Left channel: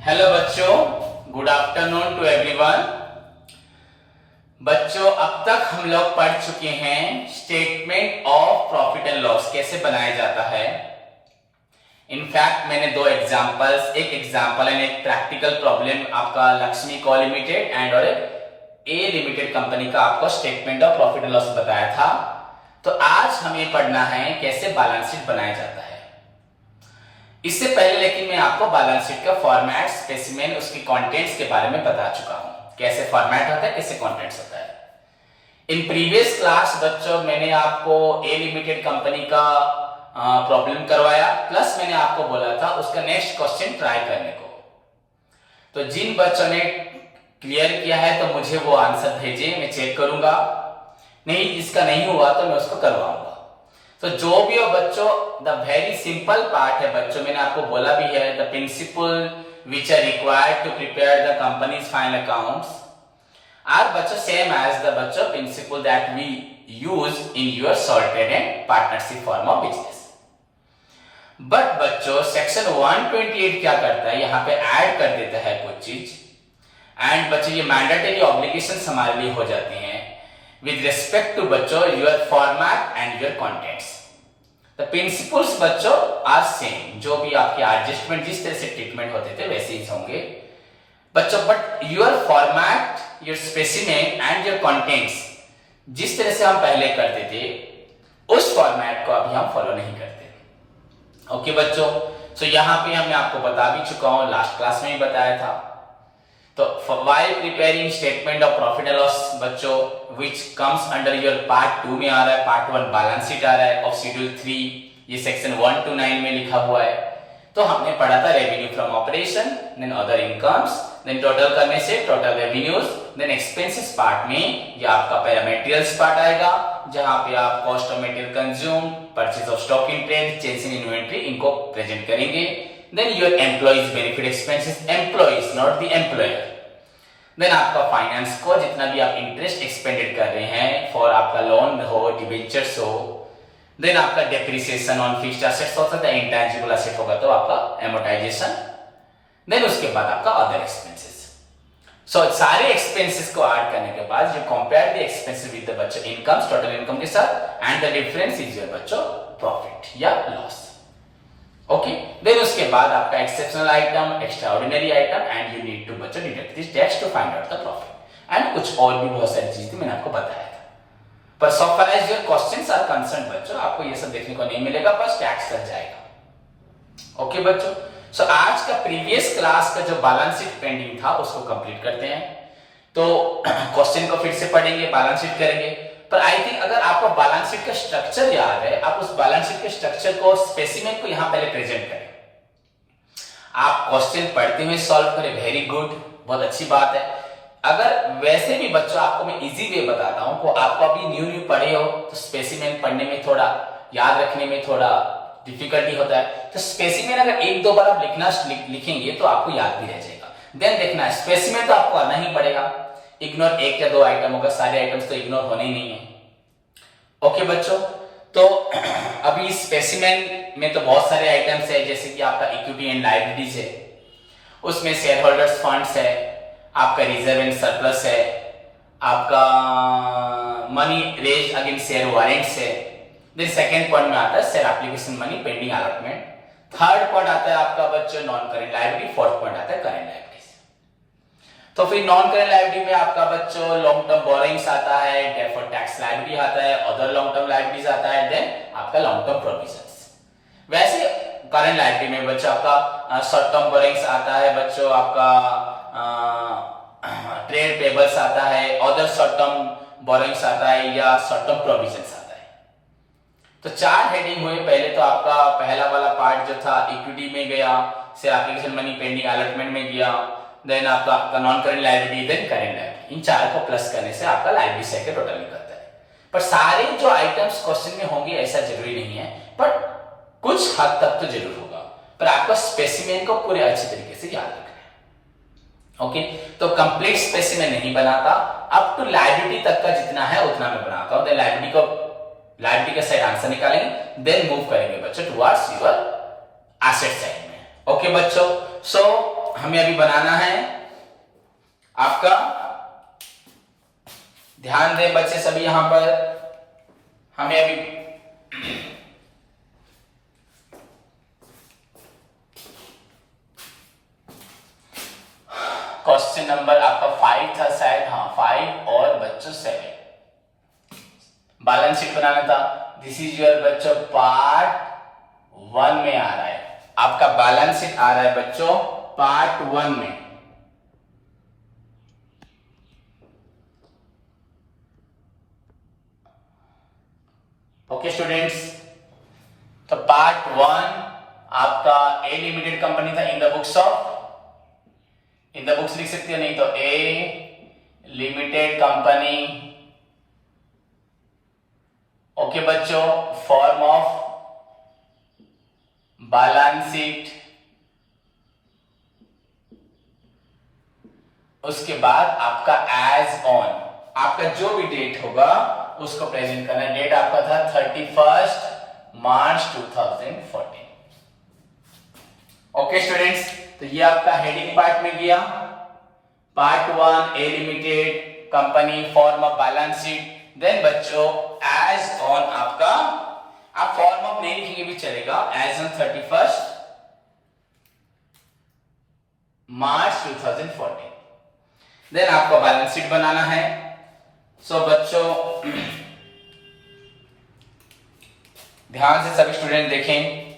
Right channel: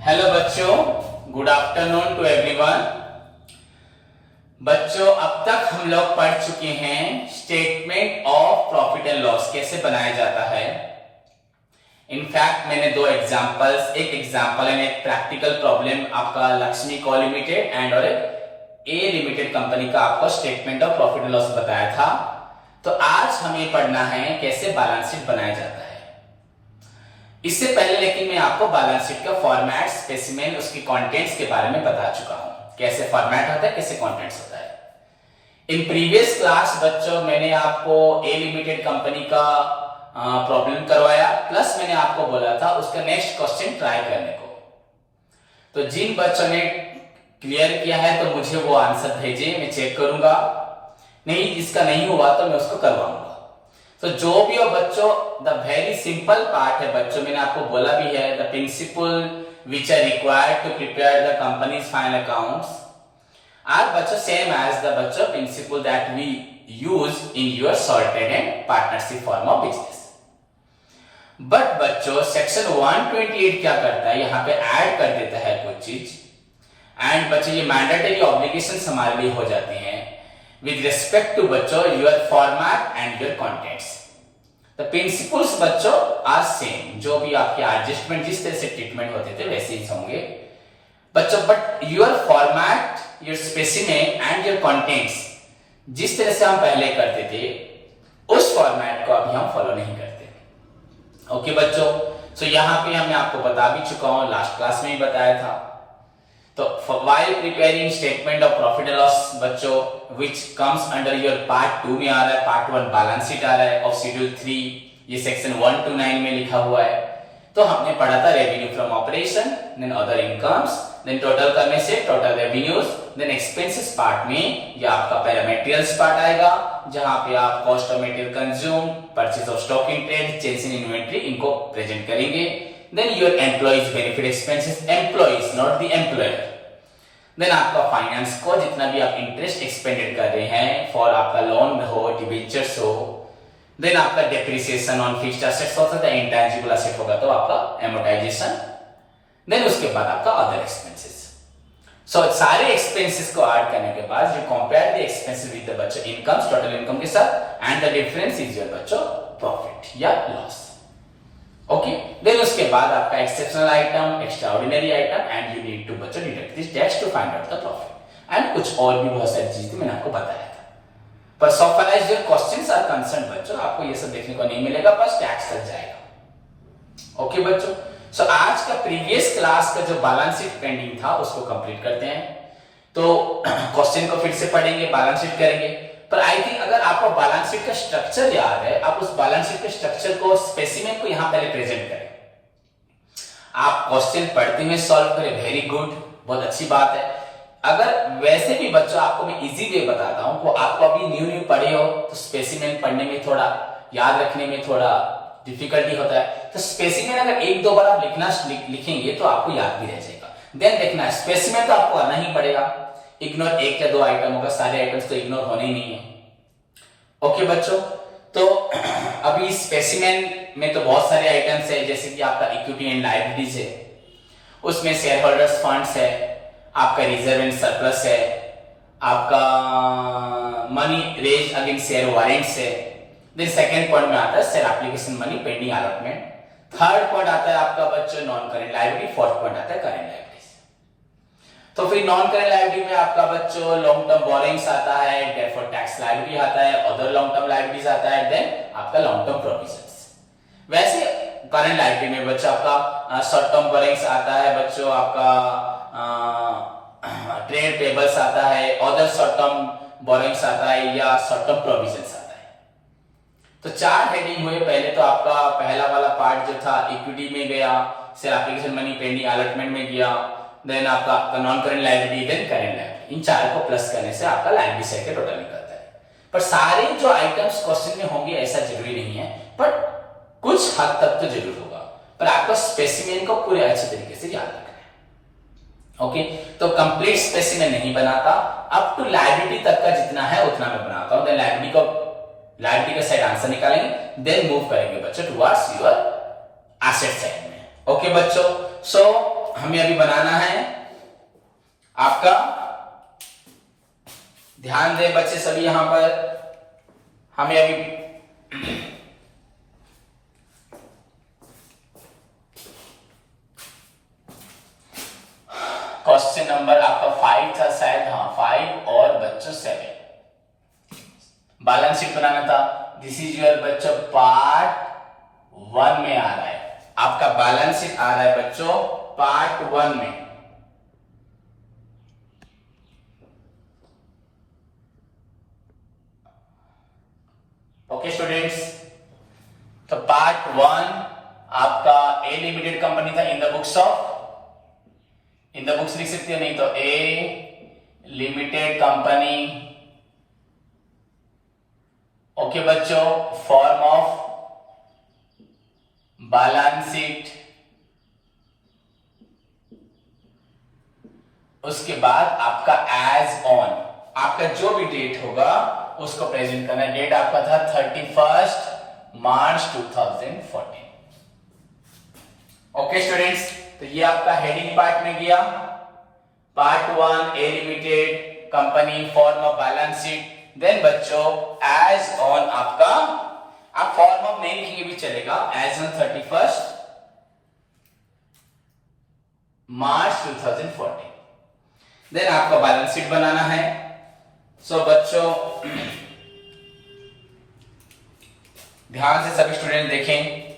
Hello बच्चों, good afternoon to everyone. बच्चों, अब तक हम लोग पढ़ चुके हैं statement of profit and loss कैसे बनाया जाता है। इनफैक्ट मैंने दो एग्जांपल्स, एक एग्जांपल एंड एक प्रैक्टिकल प्रॉब्लम आपका लक्ष्मी को लिमिटेड एंड और ए लिमिटेड कंपनी का आपको statement of profit and loss बताया था। तो आज हमें पढ़ना है कैसे बैलेंस शीट बनाया जाता है। इससे पहले लेकिन मैं आपको बैलेंस शीट का फॉर्मेट, स्पेसिमेन, उसके कंटेंट्स के बारे में बता चुका हूं, कैसे फॉर्मेट होता है, कैसे कंटेंट्स होता है। इन प्रीवियस क्लास बच्चों मैंने आपको ए लिमिटेड कंपनी का प्रॉब्लम करवाया, प्लस मैंने आपको बोला था उसका नेक्स्ट क्वेश्चन ट्राई करने को। तो जिन बच्चों ने क्लियर किया है तो मुझे वो आंसर भेजे, मैं चेक करूंगा। नहीं, जिसका नहीं हुआ तो मैं उसको करवाऊंगा। तो जो भी हो बच्चों, द वेरी सिंपल पार्ट है बच्चों, मैंने आपको बोला भी है, the principle which are required to prepare the company's final accounts are बच्चों सेम एज द बच्चों principle that we use in your salted and partnership form of business. But बच्चों सेक्शन 128 क्या करता है, यहाँ पे ऐड कर देता है कुछ चीज, एंड बच्चों ये मैंडेटरी ऑब्लिगेशंस हमारे लिए हो जाती हैं with respect to बच्चों your format and your contents. The principles बच्चों are same, जो भी आपके एडजस्टमेंट जिस तरह से ट्रीटमेंट होते थे वैसे ही होंगे बच्चों, but your format, your specimen and your contents जिस तरह से हम पहले करते थे उस फॉर्मेट को अभी हम फॉलो नहीं करते। ओके बच्चों, सो यहाँ पे मैं आपको बता भी चुका हूं, लास्ट क्लास में ही बताया था। तो while preparing statement of profit and loss बच्चों which comes under your part 2 में आ रहा है, part 1 बैलेंस शीट आ रहा है of schedule 3, ये सेक्शन 1 to 9 में लिखा हुआ है। तो हमने पढ़ा था revenue from operation, then other incomes, then total करने से total revenues, then expenses part में ये आपका पैरामेटेरियल्स पार्ट आएगा, जहां पे आप cost of material consume, purchase of stock in trade, change in inventory, इनको प्रेजेंट करेंगे। Then your employees benefit expenses, employees not the employer. Then आपका फाइनेंस को जितना भी आप इंटरेस्ट एक्सपेंडेड कर रहे हैं फॉर आपका लोन हो, डिबेंचर्स हो, देन आपका डेप्रिसिएशन ऑन फिक्स्ड एसेट्स होता है, इंटेंजिबल एसेट होगा तो आपका एमोर्टाइजेशन, देन उसके बाद आपका अदर एक्सपेंसेस। सो सारे एक्सपेंसेस को ऐड करने के बाद you compare the expenses with the बच्चों इनकम्स, टोटल इनकम के साथ, and the difference is your बच्चों प्रॉफिट या लॉस। ओके, देन उसके बाद आपका exceptional item, extraordinary item, and you need to बच्चों deduct this tax to find out the profit, and कुछ और भी बहुत सारी चीजें मैंने आपको बताया था। पर so far as your questions are concern बच्चों आपको ये सब देखने को नहीं मिलेगा, बस टैक्स लग जाएगा। ओके बच्चों, सो आज का प्रीवियस क्लास का जो बैलेंस शीट पेंडिंग था उसको कंप्लीट करते हैं। तो क्वेश्चन को फिर से पढ़ेंगे, बैलेंस शीट करेंगे। पर आई थिंक अगर आपको बैलेंस शीट का स्ट्रक्चर याद है, आप उस बैलेंस शीट के स्ट्रक्चर को, स्पेसिमेन को यहां पहले प्रेजेंट करें। आप क्वेश्चन पढ़ते हुए सॉल्व करें, वेरी गुड, बहुत अच्छी बात है। अगर वैसे भी बच्चों आपको मैं इजी वे बताता हूं, को आपको अभी न्यू पढ़े हो तो स्पेसिमेन पढ़ने में थोड़ा, याद रखने में थोड़ा डिफिकल्टी होता है। तो स्पेसिमेन अगर एक दो बार आप लिखेंगे तो आपको याद भी रह जाएगा। देन देखना है स्पेसिमेन तो आपको आना ही पड़ेगा, इग्नोर एक या दो आइटम होगा, सारे आइटम्स तो इग्नोर होने ही नहीं है। ओके बच्चों, तो अभी स्पेसिमेन में तो बहुत सारे आइटम्स है, जैसे कि आपका इक्विटी एंड लायबिलिटीज है, उसमें शेयर होल्डर्स फंड्स है, आपका रिजर्व एंड सरप्लस है, आपका money raise against share warrants है। देन सेकंड पॉइंट में आता है share application money pending allotment. Third point आता है आपका बच्चों non current liability, fourth point आता है करेंट लायबिलिटी। तो फिर नॉन करेंट लायबिलिटी में आपका बच्चों लॉन्ग टर्म बोरोइंग्स आता है, डेफर्ड टैक्स लायबिलिटी आता है, अदर लॉन्ग टर्म लायबिलिटीज आता है, देन आपका लॉन्ग टर्म प्रोविजंस। वैसे करेंट लायबिलिटी में बच्चों आपका शॉर्ट टर्म बोरोइंग्स आता है, बच्चों आपका ट्रेड पेबल्स आता है, अदर शॉर्ट टर्म बोरोइंग्स आता है, या शॉर्ट टर्म प्रोविजंस आता है। तो चार हेडिंग हुए। पहले तो आपका पहला वाला पार्ट जो था इक्विटी में गया, share application money pending allotment में गया, देन आपका non current liability, then current liability. इन चार को प्लस करने से आपका लायबिलिटी साइड का टोटल निकलता है। पर सारे जो आइटम्स क्वेश्चन में होंगे ऐसा जरूरी नहीं है, बट कुछ हद तक तो जरूर होगा। पर आपको स्पेसिमेन को पूरे अच्छे तरीके से याद रखना है। ओके, तो कंप्लीट स्पेसिमेन नहीं बनाता, अप टू लायबिलिटी तक का जितना है उतना मैं बनाता हूं। देन लायबिलिटी का साइड आंसर निकालेंगे, देन मूव करेंगे बच्चों टुवर्ड्स योर एसेट साइड में। ओके बच्चों, सो हमें अभी बनाना है आपका, ध्यान दें बच्चे सभी यहां पर, हमें अभी क्वेश्चन नंबर आपका 5 था शायद, हाँ 5 और बच्चों 7 बैलेंस शीट बनाना था। दिस इज योर बच्चों पार्ट 1 में आ रहा है, आपका बैलेंस शीट आ रहा है बच्चों पार्ट 1 में। ओके स्टूडेंट्स, तो पार्ट 1 आपका ए लिमिटेड कंपनी था, in the books of, in the books लिख सकते हो, नहीं तो ए लिमिटेड कंपनी। ओके बच्चों, फॉर्म ऑफ बैलेंस शीट, उसके बाद आपका एज ऑन, आपका जो भी डेट होगा उसको प्रेजेंट करना है। डेट आपका था 31 मार्च 2014। ओके स्टूडेंट्स, तो ये आपका हेडिंग पार्ट में गया, part 1 a limited company, form of balance sheet. Then बच्चों एज ऑन आपका, आप फॉर्म ऑफ नहीं लिखेंगे भी चलेगा, एज ऑन 31 मार्च 2014। देन आपका बैलेंस शीट बनाना है। सो बच्चों ध्यान से सभी स्टूडेंट देखें,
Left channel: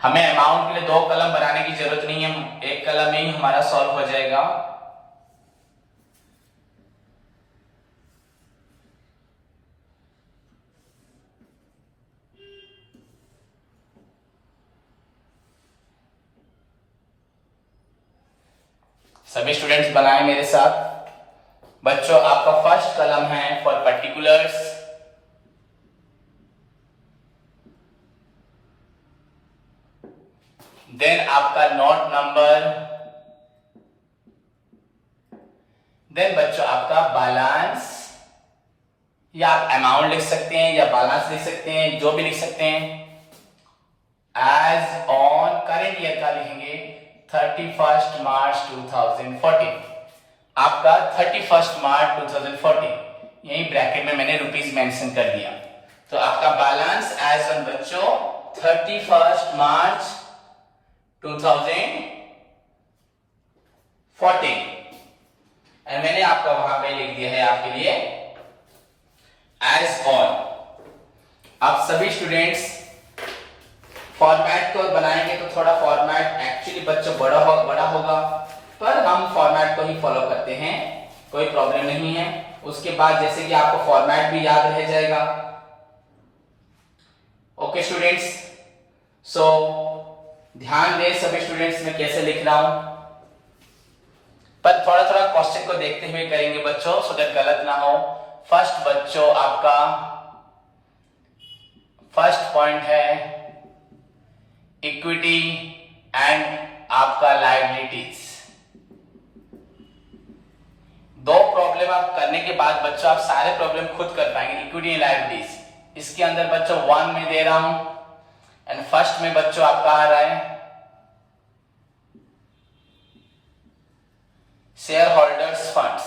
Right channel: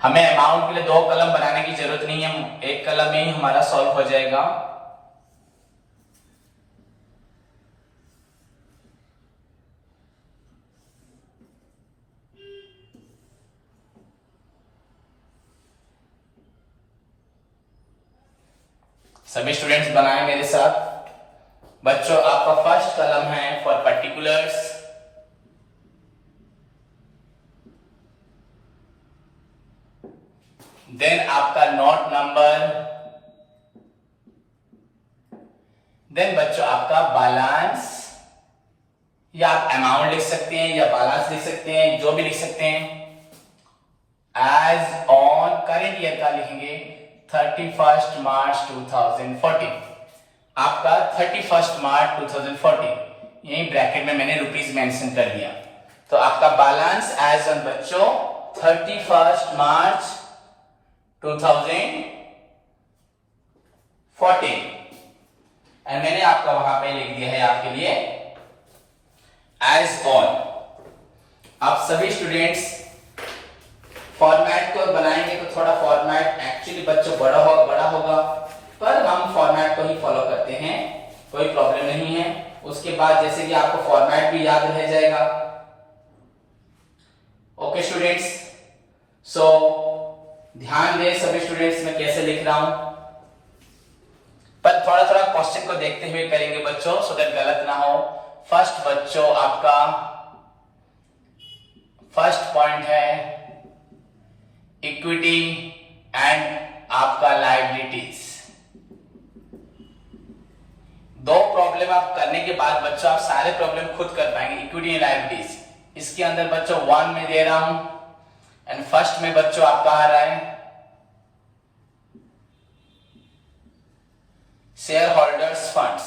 हमें अमाउंट के लिए 2 कलम बनाने की जरूरत नहीं है, एक कलम में ही हमारा सॉल्व हो जाएगा। सभी स्टूडेंट्स बनाएं मेरे साथ। बच्चों आपका फर्स्ट कलम है फॉर पर्टिकुलर्स, देन आपका नोट नंबर, देन बच्चों आपका बैलेंस, या आप अमाउंट लिख सकते हैं या बैलेंस लिख सकते हैं, जो भी लिख सकते हैं। एज ऑन करेंट ईयर का लिखेंगे 31 मार्च 2014, आपका 31 मार्च 2014, यही ब्रैकेट में मैंने रुपीस मेंशन कर दिया। तो आपका बैलेंस एज ऑन बच्चों 31 मार्च 2014, एंड मैंने आपका वहां पे लिख दिया है आपके लिए एज ऑन। आप सभी स्टूडेंट्स फॉर्मेट को बनाएंगे तो थोड़ा फॉर्मेट एक्चुअली बच्चों बड़ा होगा, पर हम फॉर्मेट को ही फॉलो करते हैं, कोई प्रॉब्लम नहीं है। उसके बाद जैसे कि आपको फॉर्मेट भी याद रह जाएगा। ओके स्टूडेंट्स, सो ध्यान दें सभी स्टूडेंट्स, मैं कैसे लिख रहा हूं, पर थोड़ा थोड़ा क्वेश्चन को देखते हुए करेंगे बच्चों, सो दैट गलत ना हो। फर्स्ट बच्चों आपका फर्स्ट पॉइंट है इक्विटी एंड आपका लायबिलिटीज। 2 प्रॉब्लम आप करने के बाद बच्चों आप सारे प्रॉब्लम खुद कर पाएंगे, इक्विटी एंड लायबिलिटीज। इसके अंदर बच्चों 1 में दे रहा हूं, एंड फर्स्ट में बच्चों आपका आ रहा है शेयर होल्डर्स फंड्स।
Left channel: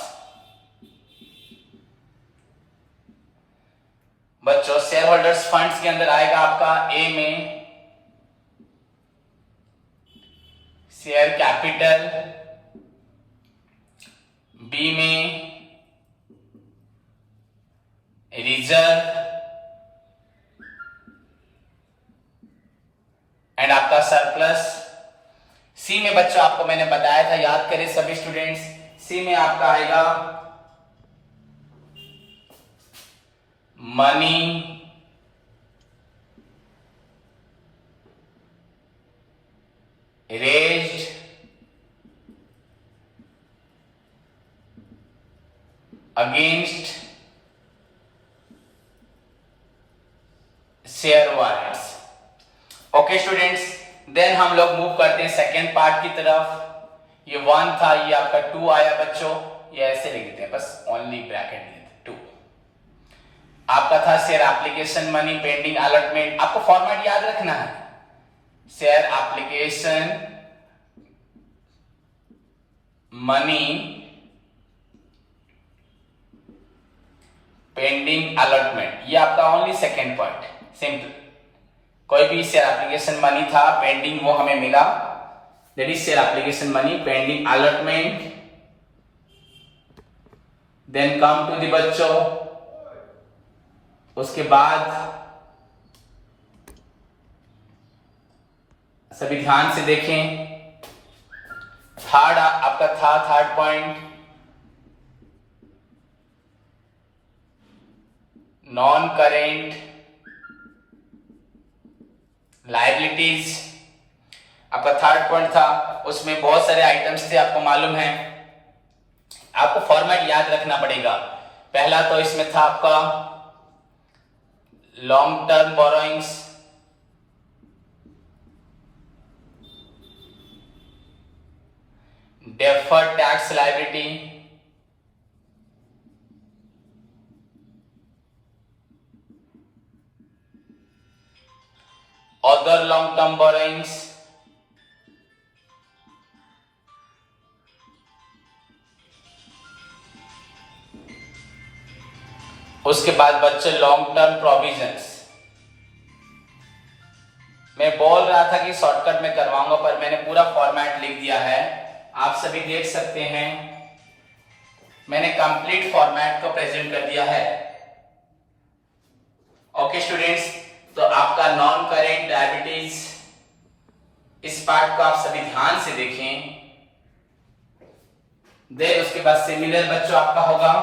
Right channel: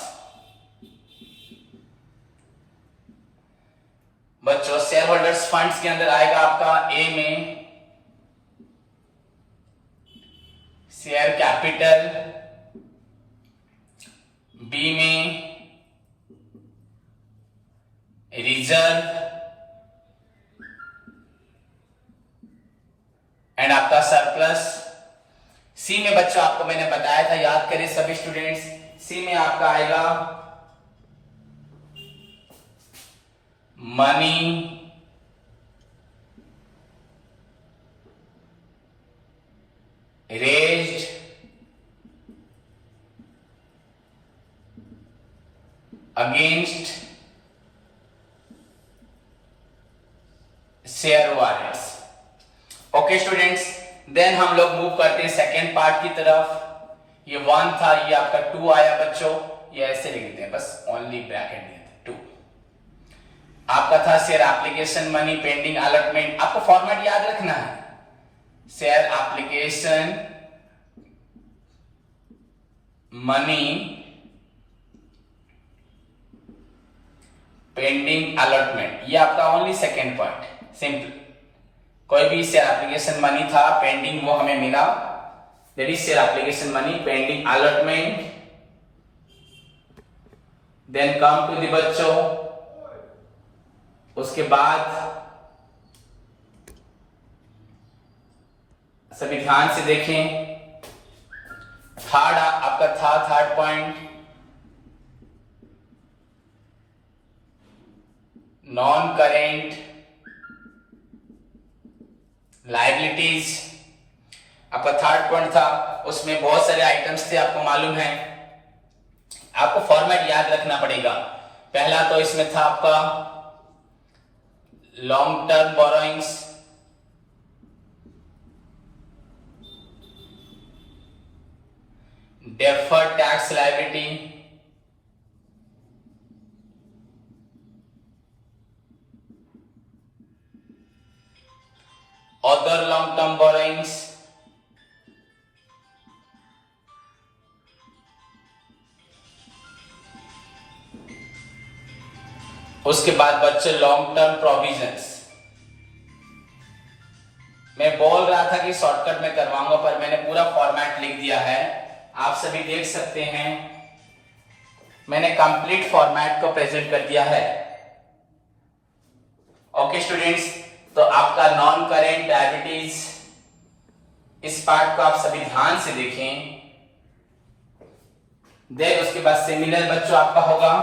बच्चों शेयर होल्डर्स फंड्स के अंदर आएगा आपका ए में शेयर कैपिटल, बी में रिजर्व, एंड आपका सरप्लस। सी में बच्चों आपको मैंने बताया था, याद करें सभी स्टूडेंट्स, सी में आपका आएगा money raised against share warrants. Okay students, then हम लोग मूव करते हैं सेकेंड पार्ट की तरफ। ये 1 था, ये आपका 2 आया बच्चों, ये ऐसे लिख देते हैं बस, ओनली ब्रैकेट देते 2। आपका था share application money pending allotment. आपको फॉर्मेट याद रखना है, share application money pending allotment, ये आपका ओनली सेकेंड पॉइंट। सिंपल, कोई भी शेयर एप्लीकेशन मनी था पेंडिंग, वो हमें मिला, that is share application money pending allotment. Then come to the बच्चों, उसके बाद सभी ध्यान से देखें, थर्ड आपका था third point non current liabilities. आपका थर्ड पॉइंट था, उसमें बहुत सारे आइटम्स थे, आपको मालूम है। आपको फॉर्मेट याद रखना पड़ेगा। पहला तो इसमें था आपका long term borrowings, deferred tax liability, other long term borrowings, उसके बाद बच्चे लॉन्ग टर्म प्रोविजंस। मैं बोल रहा था कि शॉर्टकट में करवाऊंगा, पर मैंने पूरा फॉर्मेट लिख दिया है, आप सभी देख सकते हैं। मैंने कंप्लीट फॉर्मेट को प्रेजेंट कर दिया है। ओके स्टूडेंट्स, तो आपका नॉन करेंट लायबिलिटीज, इस पार्ट को आप सभी ध्यान से देखें। देन उसके बाद सिमिलर बच्चों आपका होगा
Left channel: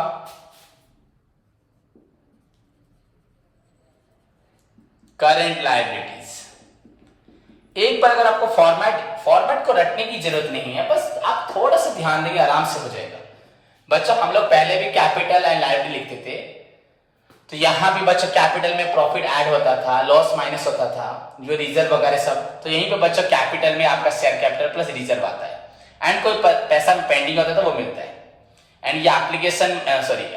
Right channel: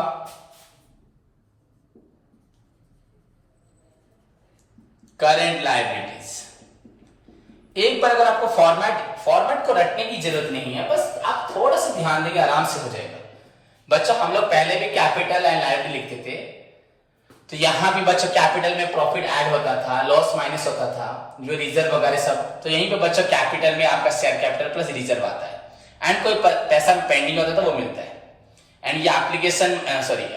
करंट लायबिलिटीज। एक बार अगर आपको फॉर्मेट को रटने की जरूरत नहीं है, बस आप थोड़ा सा ध्यान देंगे, आराम से हो जाएगा। बच्चों हम लोग पहले भी कैपिटल एंड लायबिलिटी लिखते थे, तो यहां भी बच्चों कैपिटल में प्रॉफिट ऐड होता था, लॉस माइनस होता था, जो रिजर्व वगैरह सब, तो यहीं पे बच्चों कैपिटल में आपका शेयर कैपिटल प्लस रिजर्व आता है, एंड कोई पैसा पेंडिंग होता है तो वो मिलता है। एंड ये एप्लीकेशन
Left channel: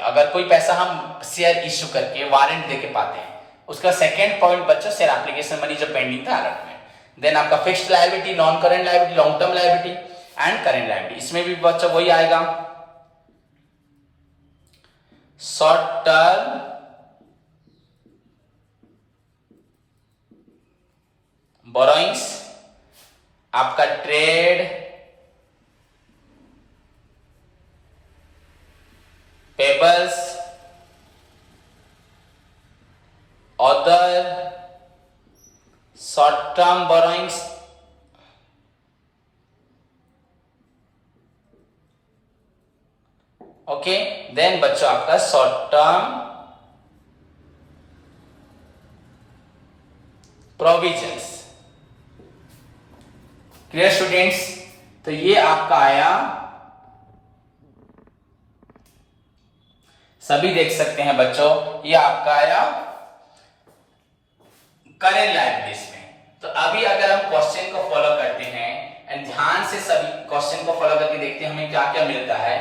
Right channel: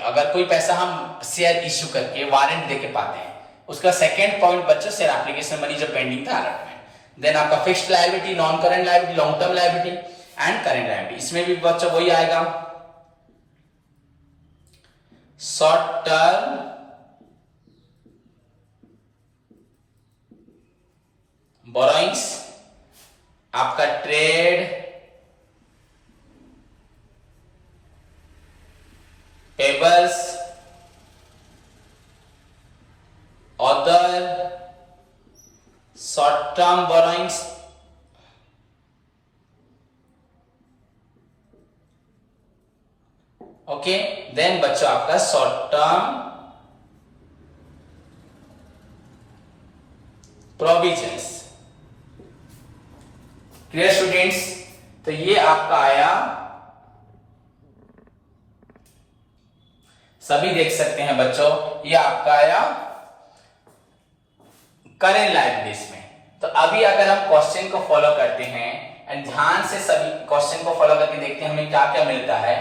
अगर कोई पैसा हम शेयर इश्यू करके वारंट देके पाते हैं, उसका सेकेंड पॉइंट बच्चों शेयर एप्लीकेशन मनी जो पेंडिंग था अलॉटमेंट। देन आपका fixed liability, non current liability, long term liability and current liability, इसमें भी बच्चों वही आएगा शॉर्ट टर्म बोरोइंग्स, आपका trade payables, other short term borrowings, okay. Then बच्चों आपका short term provisions. Clear students, तो ये आपका आया, सभी देख सकते हैं बच्चों, ये आपका आया करेंट लायबिलिटीज में। तो अभी अगर हम क्वेश्चन को फॉलो करते हैं एंड ध्यान से सभी क्वेश्चन को फॉलो करके देखते हैं हमें क्या क्या मिलता है,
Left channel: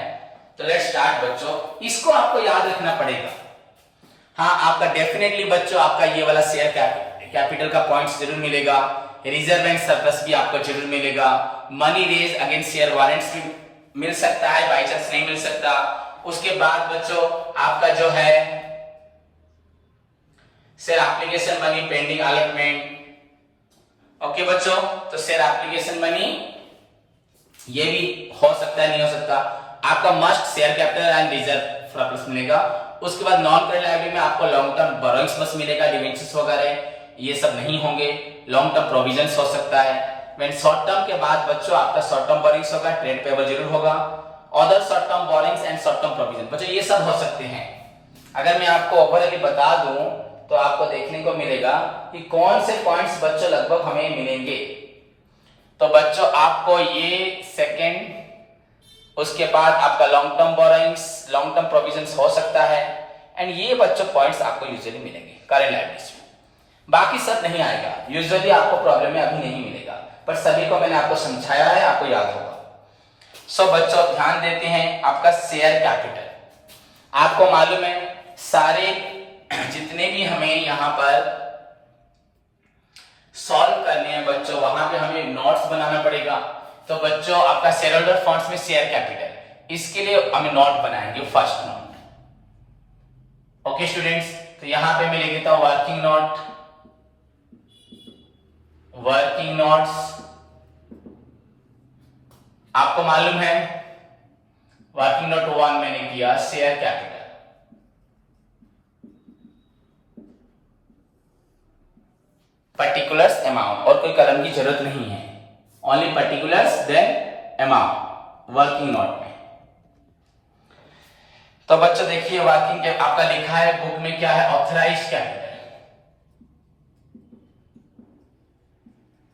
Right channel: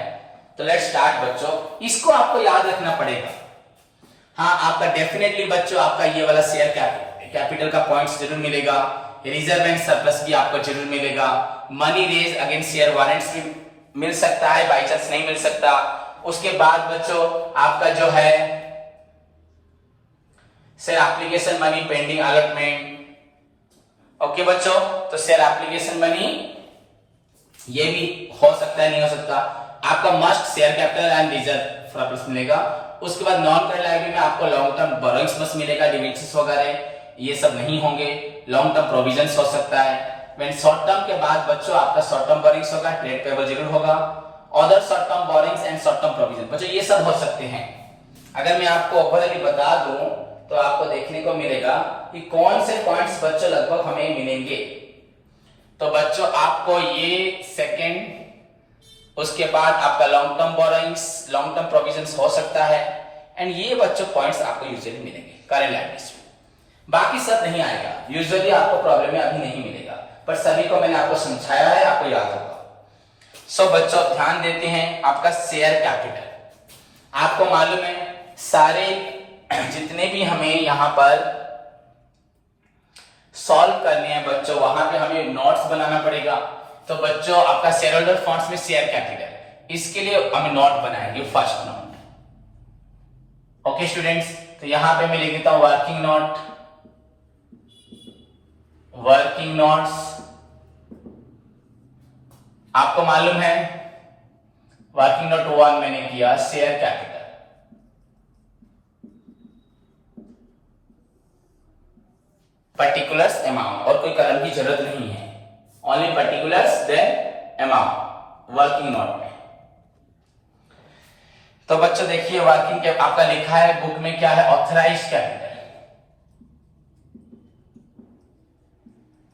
तो लेट्स स्टार्ट बच्चों। इसको आपको याद रखना पड़ेगा। हाँ, आपका डेफिनेटली बच्चों आपका ये वाला शेयर कैपिटल का पॉइंट्स जरूर मिलेगा, रिजर्व एंड सरप्लस भी आपको जरूर मिलेगा, money raise against share warrants भी मिल सकता है, बाई चांस नहीं मिल सकता। उसके बाद बच्चों आपका जो है share application money pending allotment. Okay बच्चों, तो शेयर एप्लीकेशन मनी ये भी हो सकता है, नहीं हो सकता। आपका must share capital and reserve surplus मिलेगा। उसके बाद नॉन करंट लायबिलिटी में आपको लॉन्ग टर्म बोरोइंग्स बस मिलेगा, डिवेंचर्स वगैरह ये सब नहीं होंगे। लॉन्ग टर्म प्रोविजंस हो सकता है। व्हेन शॉर्ट टर्म के बाद बच्चों आपका शॉर्ट टर्म बोरोइंग्स होगा, ट्रेड पेबल जरूर होगा, other short term borrowings and short term provision बच्चों ये सब हो सकते हैं। अगर मैं आपको ओवरऑल बता दूं तो आपको देखने को मिलेगा कि कौन से पॉइंट्स बच्चों लगभग हमें मिलेंगे। तो बच्चों आपको ये सेकंड, उसके बाद आपका long term borrowings, long term provisions हो सकता है, एंड ये बच्चों पॉइंट्स आपको यूजुअली मिलेंगे करंट लायबिलिटीज में। बाकी सब नहीं आएगा, यूजुअली आपको प्रॉब्लम में अभी नहीं मिलेगा, पर सभी को मैंने आपको समझाया है, आपको याद होगा। सो बच्चों ध्यान देते हैं, आपका शेयर कैपिटल आपको मालूम है सारे जितने भी हमें यहां पर सॉल्व करने हैं बच्चों, वहां पे हमें नोट्स बनाना पड़ेगा। तो बच्चों आपका शेयर होल्डर फंड्स में शेयर कैपिटल, इसके लिए हमें नोट बनाएंगे, फर्स्ट नोट। ओके स्टूडेंट्स, तो यहां पे मैं लिख देता हूं वर्किंग नोट, वर्किंग नोट्स। आपको मालूम है वर्किंग नोट 1 मैंने किया शेयर कैपिटल, पर्टिकुलर्स अमाउंट, और कोई कलम की जरूरत नहीं है, only particulars then amount working note में। तो बच्चों देखिए वर्किंग के आपका लिखा है बुक में क्या है, ऑथराइज्ड कैपिटल।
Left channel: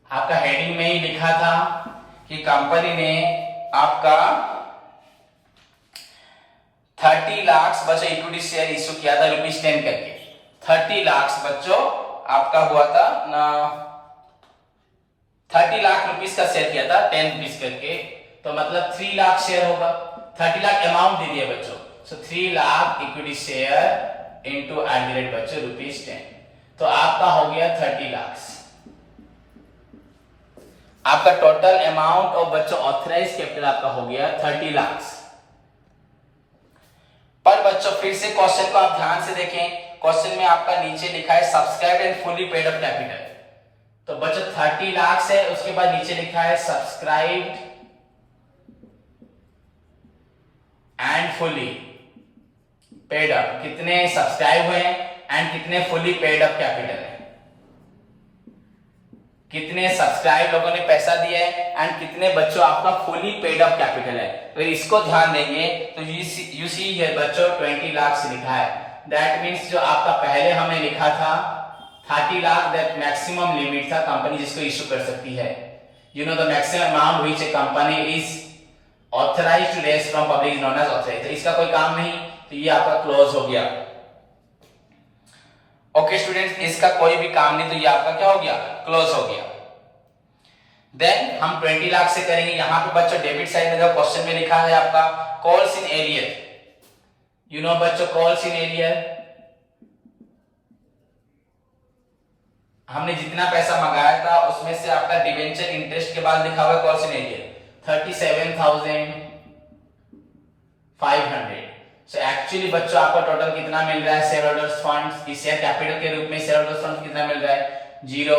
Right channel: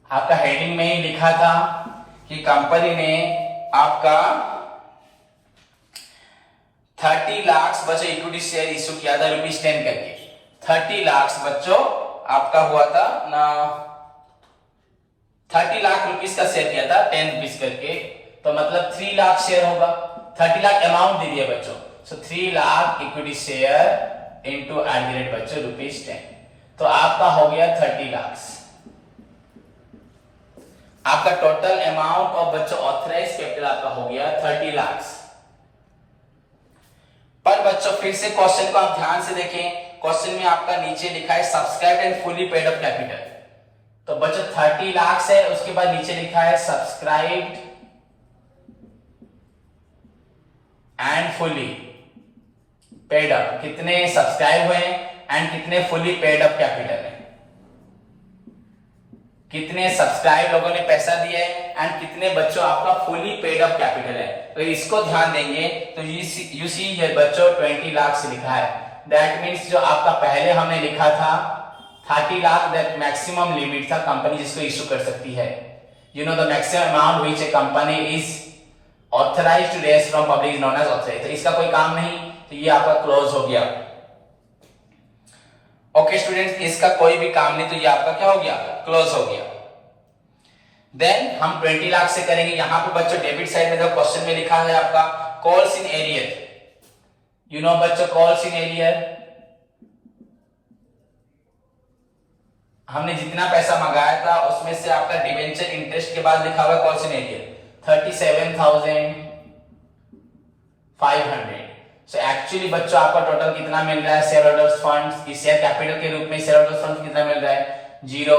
आपका हेडिंग में ही लिखा था कि कंपनी ने आपका 30 लाख बच्चों इक्विटी शेयर इश्यू किया था ₹10 करके। 30 लाख बच्चों आपका हुआ था ना, 30 लाख रुपीस का शेयर किया था 10 रुपीस करके, तो मतलब 3 लाख शेयर होगा। 30 लाख अमाउंट दे दिया बच्चों, so 3 lakh equity share into at बच्चों ₹10, तो आपका हो गया 30 लाख। आपका टोटल अमाउंट और बच्चों ऑथराइज कैपिटल आपका हो गया 30 लाख। पर बच्चों फिर से क्वेश्चन को आप ध्यान से देखें, क्वेश्चन में आपका नीचे लिखा है subscribe and fully paid up capital, तो बच्चों 30 लाख है, उसके बाद नीचे लिखा है subscribed and fully paid up, कितने सब्सक्राइब हुए एंड कितने फुली पेड अप कैपिटल है, कितने सब्सक्राइब लोगों ने पैसा दिया है एंड कितने बच्चों आपका फुली पेड अप कैपिटल है। तो इसको ध्यान देंगे तो यू सी हियर बच्चों 20 लाख से लिखा है, दैट मींस जो आपका पहले हमने लिखा था 30 लाख दैट मैक्सिमम लिमिट था कंपनी जिसको इश्यू कर सकती है, you know the maximum amount which a company is authorised to raise from public is known as authorised, तो इसका कोई काम नहीं, तो ये आपका क्लोज हो गया। ओके स्टूडेंट्स, इसका कोई भी काम नहीं, तो ये आपका क्या हो गया, क्लोज हो गया। देन हम 20 लाख से करेंगे, यहां पे बच्चों डेबिट साइड में जो क्वेश्चन में लिखा है आपका calls in arrear, you know बच्चों कॉल्स इन एरियर, हमने जितना पैसा मंगाया था उसमें से आपका डिवेंचर इंटरेस्ट के बाद लिखा हुआ है calls in arrear 37,500। So actually बच्चों आपको टोटल कितना मिल रहा है share holders funds, share capital के रूप में शेयर होल्डर्स फंड्स कितना मिल रहा है, 0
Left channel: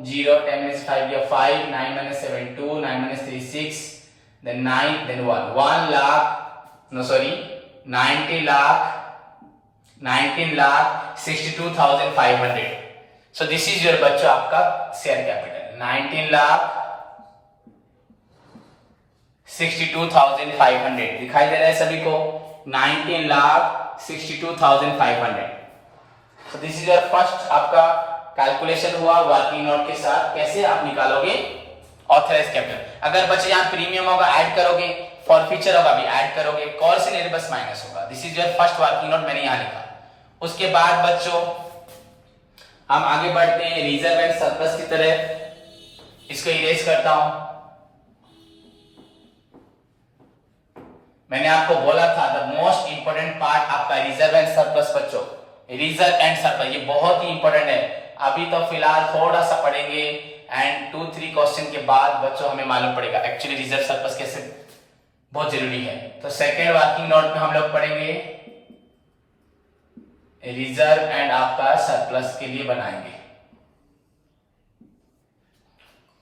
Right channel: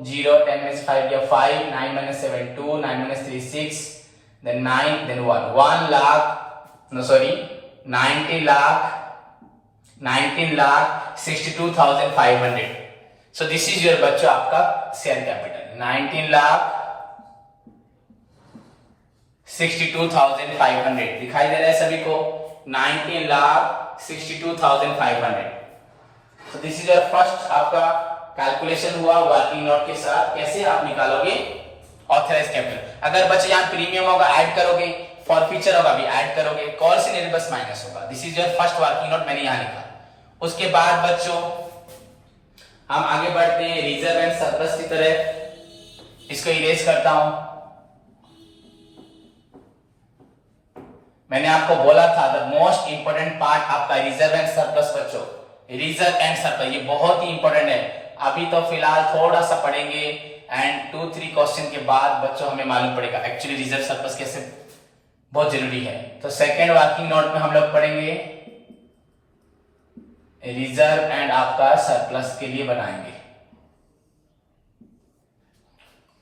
0 10 minus 5 या 5 9 minus 7 2 9 minus 3 6 then 9 then 1 lakh no sorry 19 lakh 62,500। so this is your बच्चों आपका शेयर कैपिटल 19 लाख 62,500 दिखाई दे रहा है सभी को, 19 lakh 62,500। so this is your first आपका कैलकुलेशन हुआ वर्किंग नोट के साथ, कैसे आप निकालोगे ऑथराइज्ड कैपिटल। अगर बच्चे यहाँ प्रीमियम होगा ऐड करोगे, फॉरफीचर होगा भी ऐड करोगे, कॉल्स इन एरियर बस माइनस होगा। This is your first working note, मैंने यहाँ लिखा। उसके बाद बच्चों हम आगे बढ़ते हैं रिजर्व एंड सरप्लस की तरह, इसको इरेज करता हूं। मैंने आपको बोला था द मोस्ट इंपोर्टेंट पार्ट आपका रिजर्व एंड सरप्लस बच्चों, रिजर्व एंड सरप्लस ये बहुत ही इंपॉर्टेंट है। अभी तो फिलहाल थोड़ा सा पढ़ेंगे एंड 2-3 क्वेश्चन के बाद बच्चों हमें मालूम पड़ेगा एक्चुअली रिजर्व सरप्लस कैसे बहुत जरूरी है। तो सेकेंड वर्किंग नोट में हम लोग पढ़ेंगे रिजर्व एंड आपका सरप्लस के लिए बनाएंगे।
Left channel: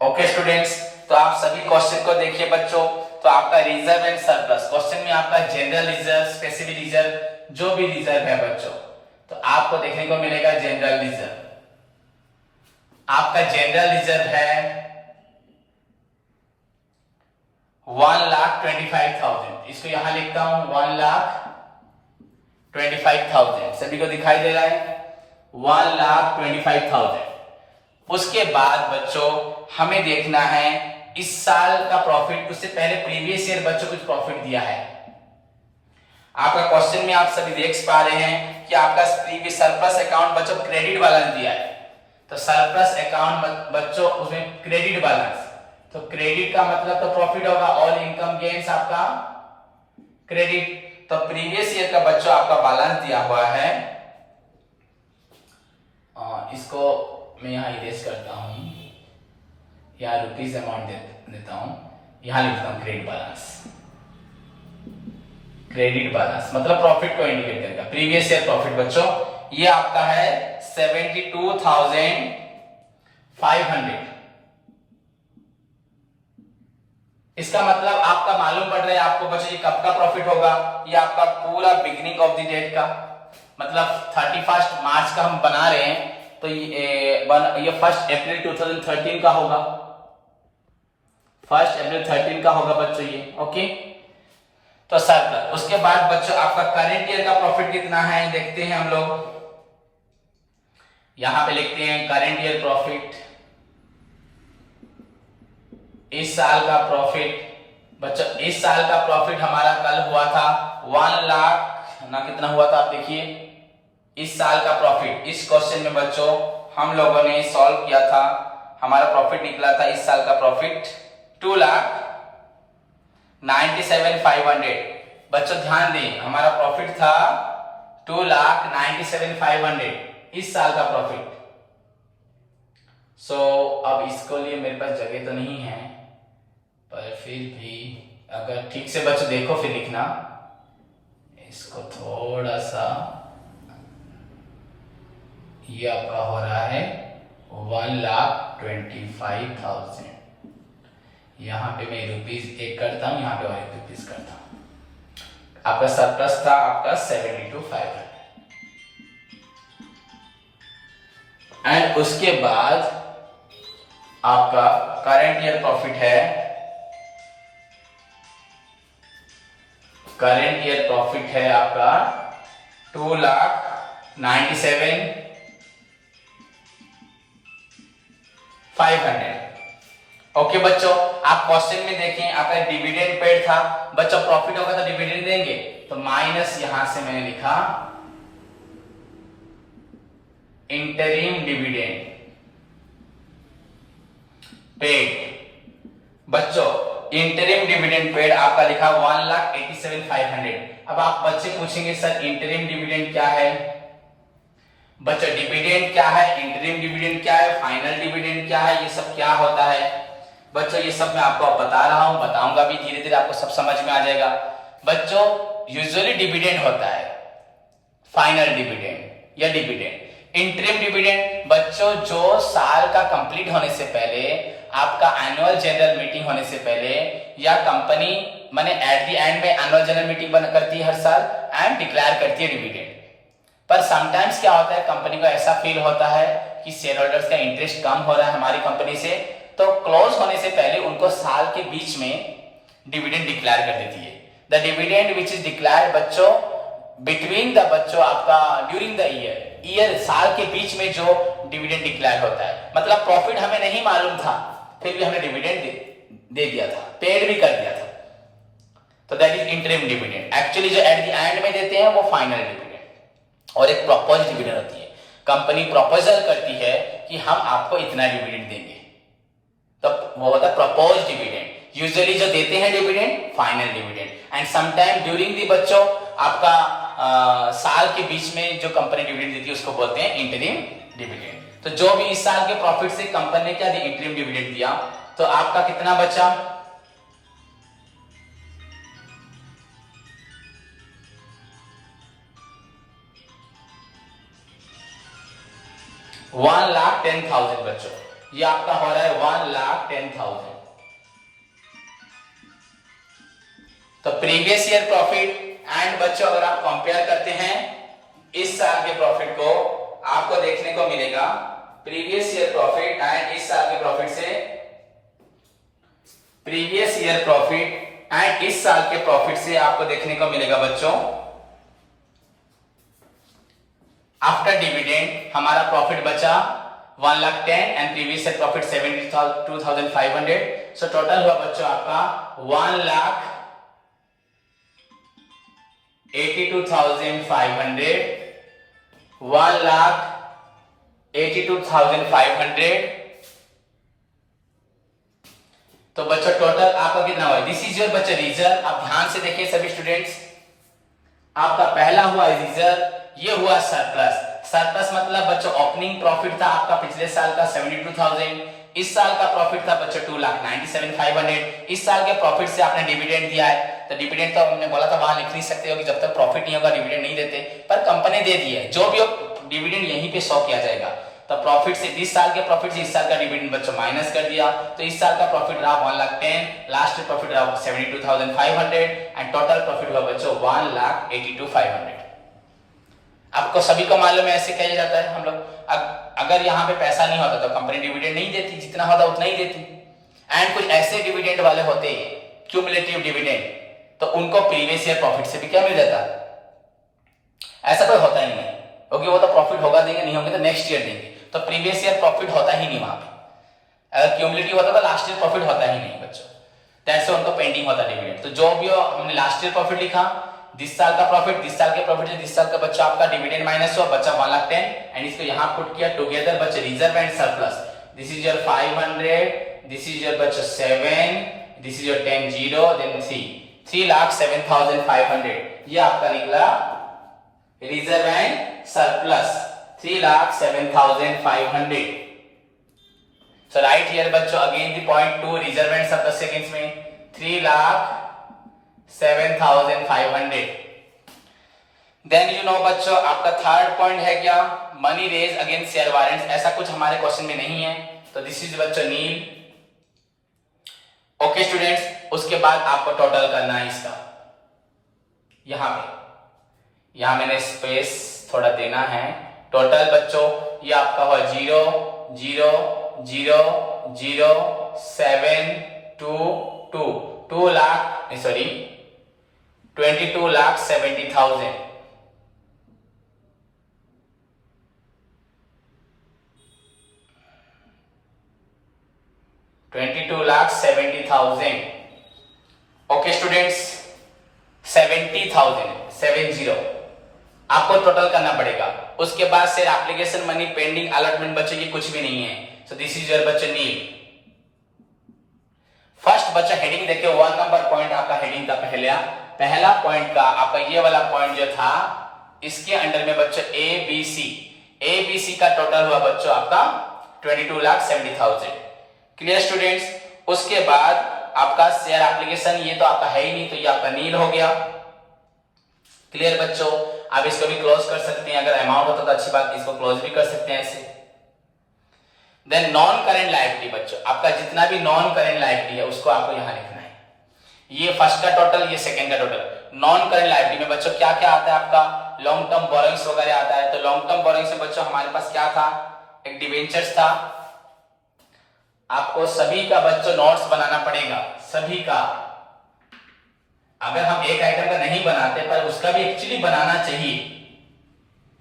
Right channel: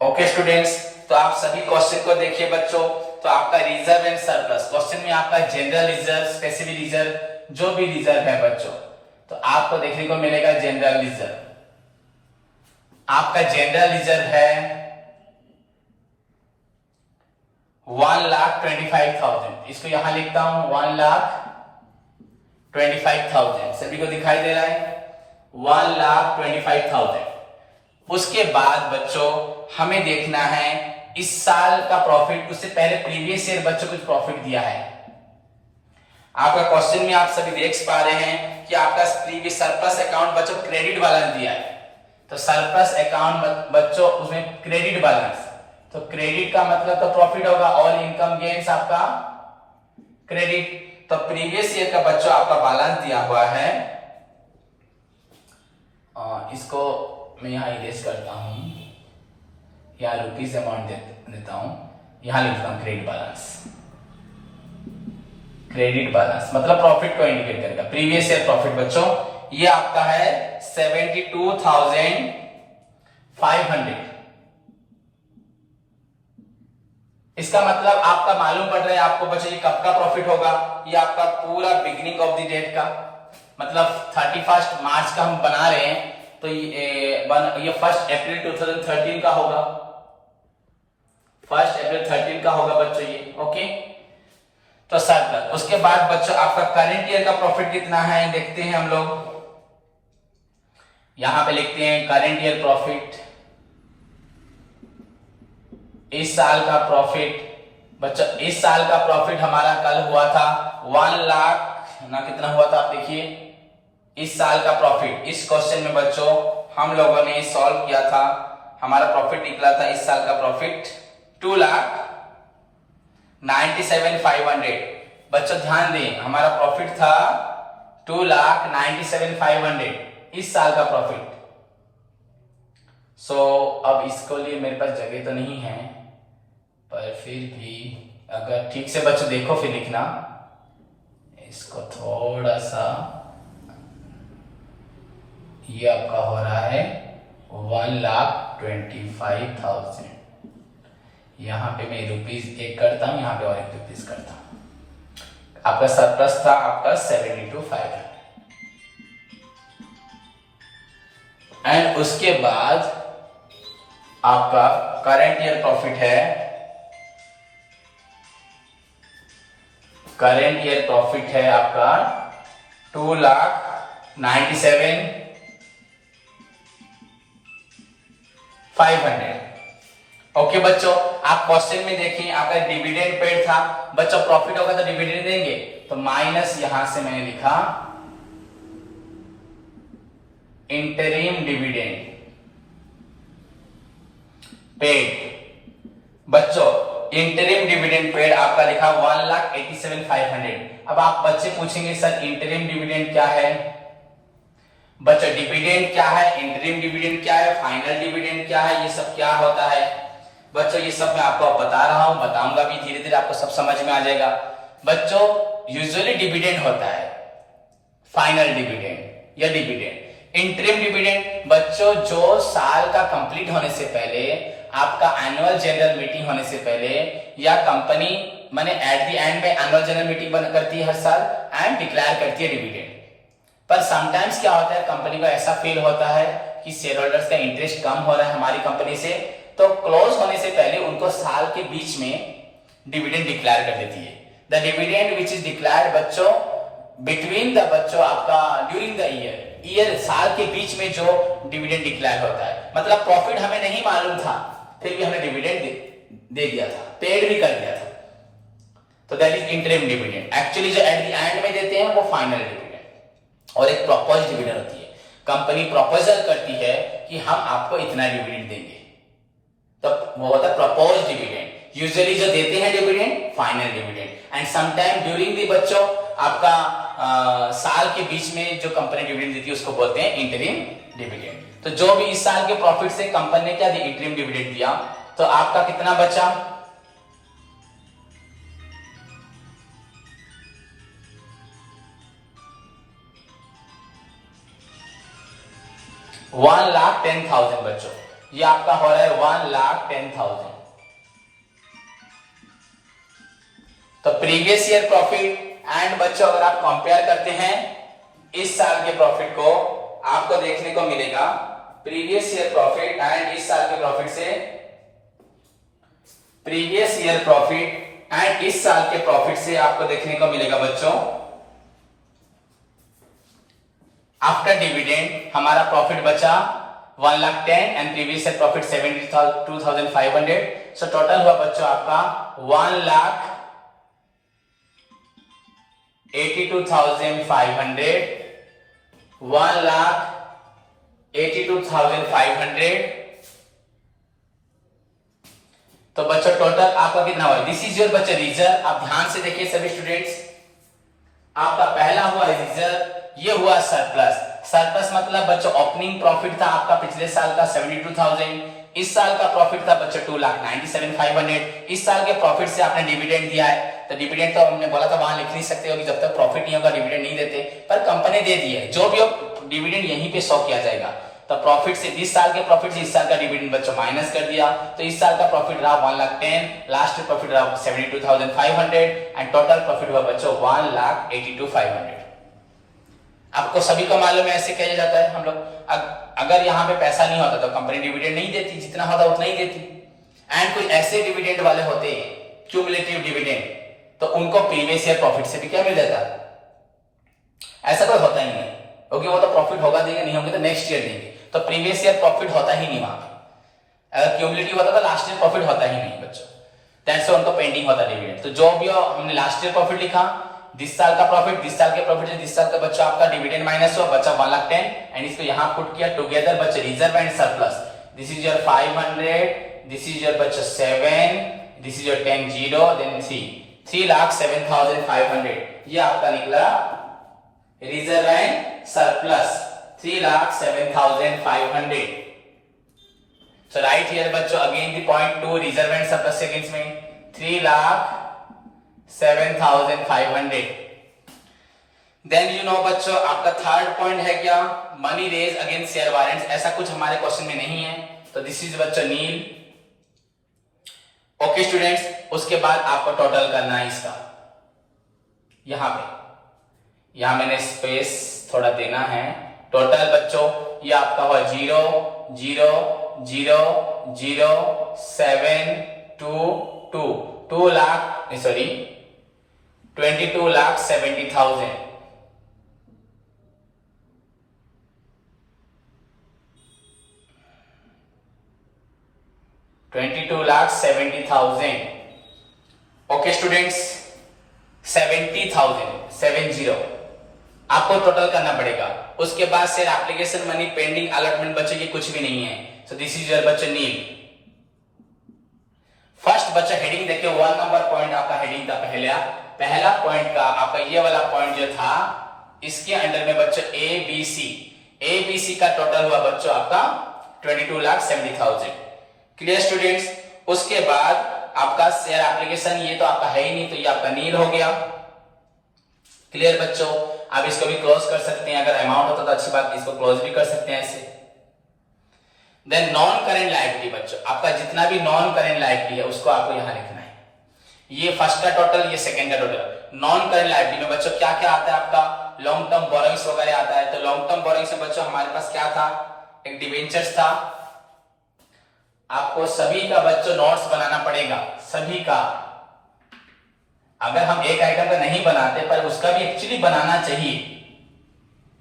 ओके स्टूडेंट्स, तो आप सभी क्वेश्चन को देखिए बच्चों। तो आपका रिजर्व एंड सरप्लस क्वेश्चन में आपका जनरल रिजर्व, स्पेसिफिक रिजर्व, जो भी रिजर्व है बच्चों, तो आपको देखने को मिलेगा जनरल रिजर्व। आपका जनरल रिजर्व है 1,25,000, इसको यहां लिखता हूं 1,25,000, सभी को दिखाई दे रहा है 1,25,000। उसके बाद बच्चों हमें देखना है इस साल का प्रॉफिट, उससे पहले प्रीवियस ईयर बच्चों कुछ प्रॉफिट दिया है। आपका क्वेश्चन में आप सभी देख पा रहे हैं कि आपका प्रीवियस सरप्लस अकाउंट बच्चों क्रेडिट वाला ने दिया है, तो सरप्लस अकाउंट बच्चों उसमें क्रेडिट बैलेंस, तो क्रेडिट का मतलब तो प्रॉफिट होगा, ऑल इनकम गेन्स आपका क्रेडिट। तो प्रीवियस ईयर का बच्चों आपका बैलेंस दिया हुआ है, इसको मैं यहाँ इरेज करता हूं, यहाँ रुपीज अमाउंट देता हूं, यहाँ लिखता हूं क्रेडिट बैलेंस। क्रेडिट बैलेंस मतलब प्रॉफिट को इंडिकेट करेगा, प्रीवियस ईयर प्रॉफिट बच्चों ये आपका है 72,500। इसका मतलब आपका मालूम पड़ रहा है आपको बच्चों ये कब का प्रॉफिट होगा, ये आपका पूरा बिगिनिंग ऑफ द डेट का, मतलब 31 मार्च का हम बना रहे हैं, तो ये 1 अप्रैल 2013 का होगा, 1 अप्रैल 13 का होगा बच्चों ये। ओके, तो सरप्लस। उसके बाद बच्चों आपका करंट ईयर का प्रॉफिट कितना है देखते हैं हम लोग, यहां पे लिखते हैं करंट ईयर प्रॉफिट, इस साल का प्रॉफिट बच्चों, इस साल का प्रॉफिट हमारा कल हुआ था 1 लाख ना, कितना हुआ था आप देखिए, इस साल का प्रॉफिट इस क्वेश्चन में बच्चों हम लोगों ने सॉल्व किया था, हमारा प्रॉफिट निकला था इस साल का प्रॉफिट 2,97,500। बच्चों ध्यान दें हमारा प्रॉफिट था 2,97,500 इस साल का प्रॉफिट। अब इसको लिए मेरे पास जगह तो नहीं है, पर फिर भी अगर ठीक से बच्चों देखो फिर लिखना, इसको थोड़ा सा, ये आपका हो रहा है 1,25,000, यहां पे मैं रुपीज 1 करता हूं, यहां पे और 1 रुपीज करता हूं, आपका सरप्लस था आपका 72,500। एंड उसके बाद आपका करंट ईयर प्रॉफिट है, करंट ईयर प्रॉफिट है आपका 2,97,500। ओके बच्चों, आप क्वेश्चन में देखें आपका डिविडेंड पेड था बच्चों, प्रॉफिट होगा तो डिविडेंड देंगे, तो माइनस यहां से मैंने लिखा इंटरिम डिविडेंड पेड। बच्चों इंटरिम डिविडेंड पेड आपका लिखा 1,87,500। अब आप बच्चे पूछेंगे सर इंटरिम डिविडेंड क्या है, बच्चों डिविडेंड क्या है, इंटरिम डिविडेंड क्या है, फाइनल डिविडेंड क्या है, ये सब क्या होता है बच्चों, ये सब मैं आपको बता रहा हूं, बताऊंगा भी, धीरे धीरे आपको सब समझ में आ जाएगा। बच्चों यूजुअली डिविडेंड होता है फाइनल डिविडेंड या डिविडेंड। इंटरिम डिविडेंड बच्चों जो साल का कंप्लीट होने से पहले, आपका एनुअल जनरल मीटिंग होने से पहले, या कंपनी माने एट द एंड में एनुअल जनरल मीटिंग करती है हर साल एंड डिक्लेयर करती है डिविडेंड। पर समटाइम्स क्या होता है, कंपनी को ऐसा फील होता है कि शेयर होल्डर्स का इंटरेस्ट कम हो रहा है हमारी कंपनी से, तो क्लोज होने से पहले उनको साल के बीच में डिविडेंड डिक्लेयर कर देती है। The dividend which is declared बच्चों बिटवीन द बच्चों आपका ड्यूरिंग द ईयर साल के बीच में जो डिविडेंड डिक्लेयर होता है, मतलब प्रॉफिट हमें नहीं मालूम था फिर भी हमने डिविडेंड दे दिया था, पेड भी कर दिया था, तो that is interim dividend. Actually जो एट द एंड में देते हैं वो फाइनल डिविडेंड, और एक प्रपोज डिविडेंड होती है, कंपनी प्रपोजल करती है कि हम आपको इतना डिविडेंड देंगे, तो वो होता है प्रपोज डिविडेंड। यूजुअली जो देते हैं dividend final dividend, and sometime during the बच्चों आपका साल के बीच में जो कंपनी डिविडेंड देती है उसको बोलते हैं इंटरिम डिविडेंड। तो जो भी इस साल के प्रॉफिट से कंपनी ने क्या दिया, इंटरिम डिविडेंड दिया, तो आपका कितना बचा, $1,10,000 बच्चों, ये आपका हो रहा है 1,10,000। तो प्रीवियस ईयर प्रॉफिट एंड बच्चों अगर आप कंपेयर करते हैं इस साल के प्रॉफिट को, आपको देखने को मिलेगा प्रीवियस ईयर प्रॉफिट एंड इस साल के प्रॉफिट से, प्रीवियस ईयर प्रॉफिट एंड इस साल के प्रॉफिट से आपको देखने को मिलेगा बच्चों, आफ्टर डिविडेंड हमारा प्रॉफिट बचा 1,10,000 and previous year profit 72,500। So total हुआ बच्चों आपका 1,82,500, 1,82,500 82,500। तो बच्चों टोटल आपका कितना हुआ? दिस इज योर बच्चे रिजर्व। आप ध्यान से देखिए सभी स्टूडेंट्स, आपका पहला हुआ रिजर्व, ये हुआ सरप्लस। सरप्लस मतलब बच्चों ओपनिंग प्रॉफिट था आपका पिछले साल का 72,000, इस साल का प्रॉफिट था बच्चों 2,97,500। इस साल के प्रॉफिट से आपने डिविडेंड दिया है, तो डिविडेंड तो हमने बोला था वहां लिख नहीं सकते हो कि जब तक प्रॉफिट नहीं होगा डिविडेंड नहीं देते, पर कंपनी दे दी है, जो भी हो डिविडेंड यहीं पे शो किया जाएगा। तो प्रॉफिट से इस साल के प्रॉफिट से इस साल का डिविडेंड बच्चों माइनस कर दिया, तो इस साल का प्रॉफिट रहा 1,10,000, लास्ट प्रॉफिट रहा 72,500 एंड टोटल प्रॉफिट हुआ बच्चों 1,82,500। आपको सभी को मालूम है ऐसे किया जाता है हम लोग। अगर यहाँ पे पैसा नहीं होता तो कंपनी डिविडेंड नहीं देती, जितना होता उतना ही देती। एंड कोई ऐसे डिविडेंड वाले होते हैं क्यूमुलेटिव डिविडेंड, तो उनको प्रीवियस ईयर प्रॉफिट से भी क्या मिल जाता है? ऐसा कोई होता ही नहीं, क्योंकि वो तो प्रॉफिट होगा देंगे, नहीं होंगे तो नेक्स्ट ईयर देंगे, तो प्रीवियस ईयर प्रॉफिट होता ही नहीं वहां पे। अगर क्यूमुलेटिव होता तो लास्ट ईयर प्रॉफिट होता ही नहीं बच्चों, दैट्स उनको पेंडिंग होता डिविडेंड। तो जो भी हमने लास्ट ईयर प्रॉफिट लिखा, दिस साल का प्रॉफिट, दिस साल के प्रॉफिट से दिस साल का बच्चा आपका डिविडेंड माइनस हुआ, बच्चा 1,10,000 एंड इसको यहाँ पुट किया टुगेदर बच्चे reserve and surplus. This is your 500, this is your बच्चा 7, दिस इज योर 10 0 देन 3,07,500। ये आपका निकला reserve and surplus 3,07,500। So right here बच्चों again the point 2 reserve and surplus seconds में 3,07,500। Then you know बच्चों आपका थर्ड पॉइंट है क्या? Money raise against share warrants. ऐसा कुछ हमारे क्वेश्चन में नहीं है, तो दिस इज बच्चों नील। ओके स्टूडेंट्स, उसके बाद आपको टोटल करना है इसका। यहां पे मैंने स्पेस थोड़ा देना है। टोटल बच्चों ये आपका हुआ 0,0,0,0,722 22,70,000। ओके स्टूडेंट्स, 70,000 आपको टोटल करना पड़ेगा। उसके बाद से एप्लीकेशन मनी पेंडिंग अलॉटमेंट बच्चे की कुछ भी नहीं है। सो दिस इज योर बच्चे नील। फर्स्ट बच्चा हेडिंग देखिए, 1 नंबर पॉइंट आपका हेडिंग का पहला पॉइंट का आपका ये वाला पॉइंट जो था, इसके अंडर में बच्चों एबीसी का टोटल हुआ बच्चों आपका 22,70,000। Clear students? उसके बाद आपका शेयर एप्लीकेशन, ये तो आपका है ही नहीं, तो ये आपका नील हो गया। क्लियर बच्चों? आप इसको भी क्लोज कर सकते हैं, अगर अमाउंट होता तो अच्छी बात, इसको क्लोज भी कर सकते हैं ऐसे। देन नॉन करेंट लायबिलिटी बच्चों, आपका जितना भी नॉन करेंट लायबिलिटी है उसको आपको यहां लिखना है। ये फर्स्ट का टोटल, ये सेकंड का टोटल। नॉन करेंट लायबिलिटी में बच्चों क्या क्या आता है आपका? लॉन्ग टर्म बोरोइंग्स वगैरह आता है। तो लॉन्ग टर्म बोरोइंग्स में बच्चों हमारे पास क्या था? एक डिवेंचर्स था। आपको सभी का बच्चों नोट्स बनाना पड़ेगा, सभी का। अगर हम एक आइटम का नहीं बनाते, पर उसका भी एक्चुअली बनाना चाहिए।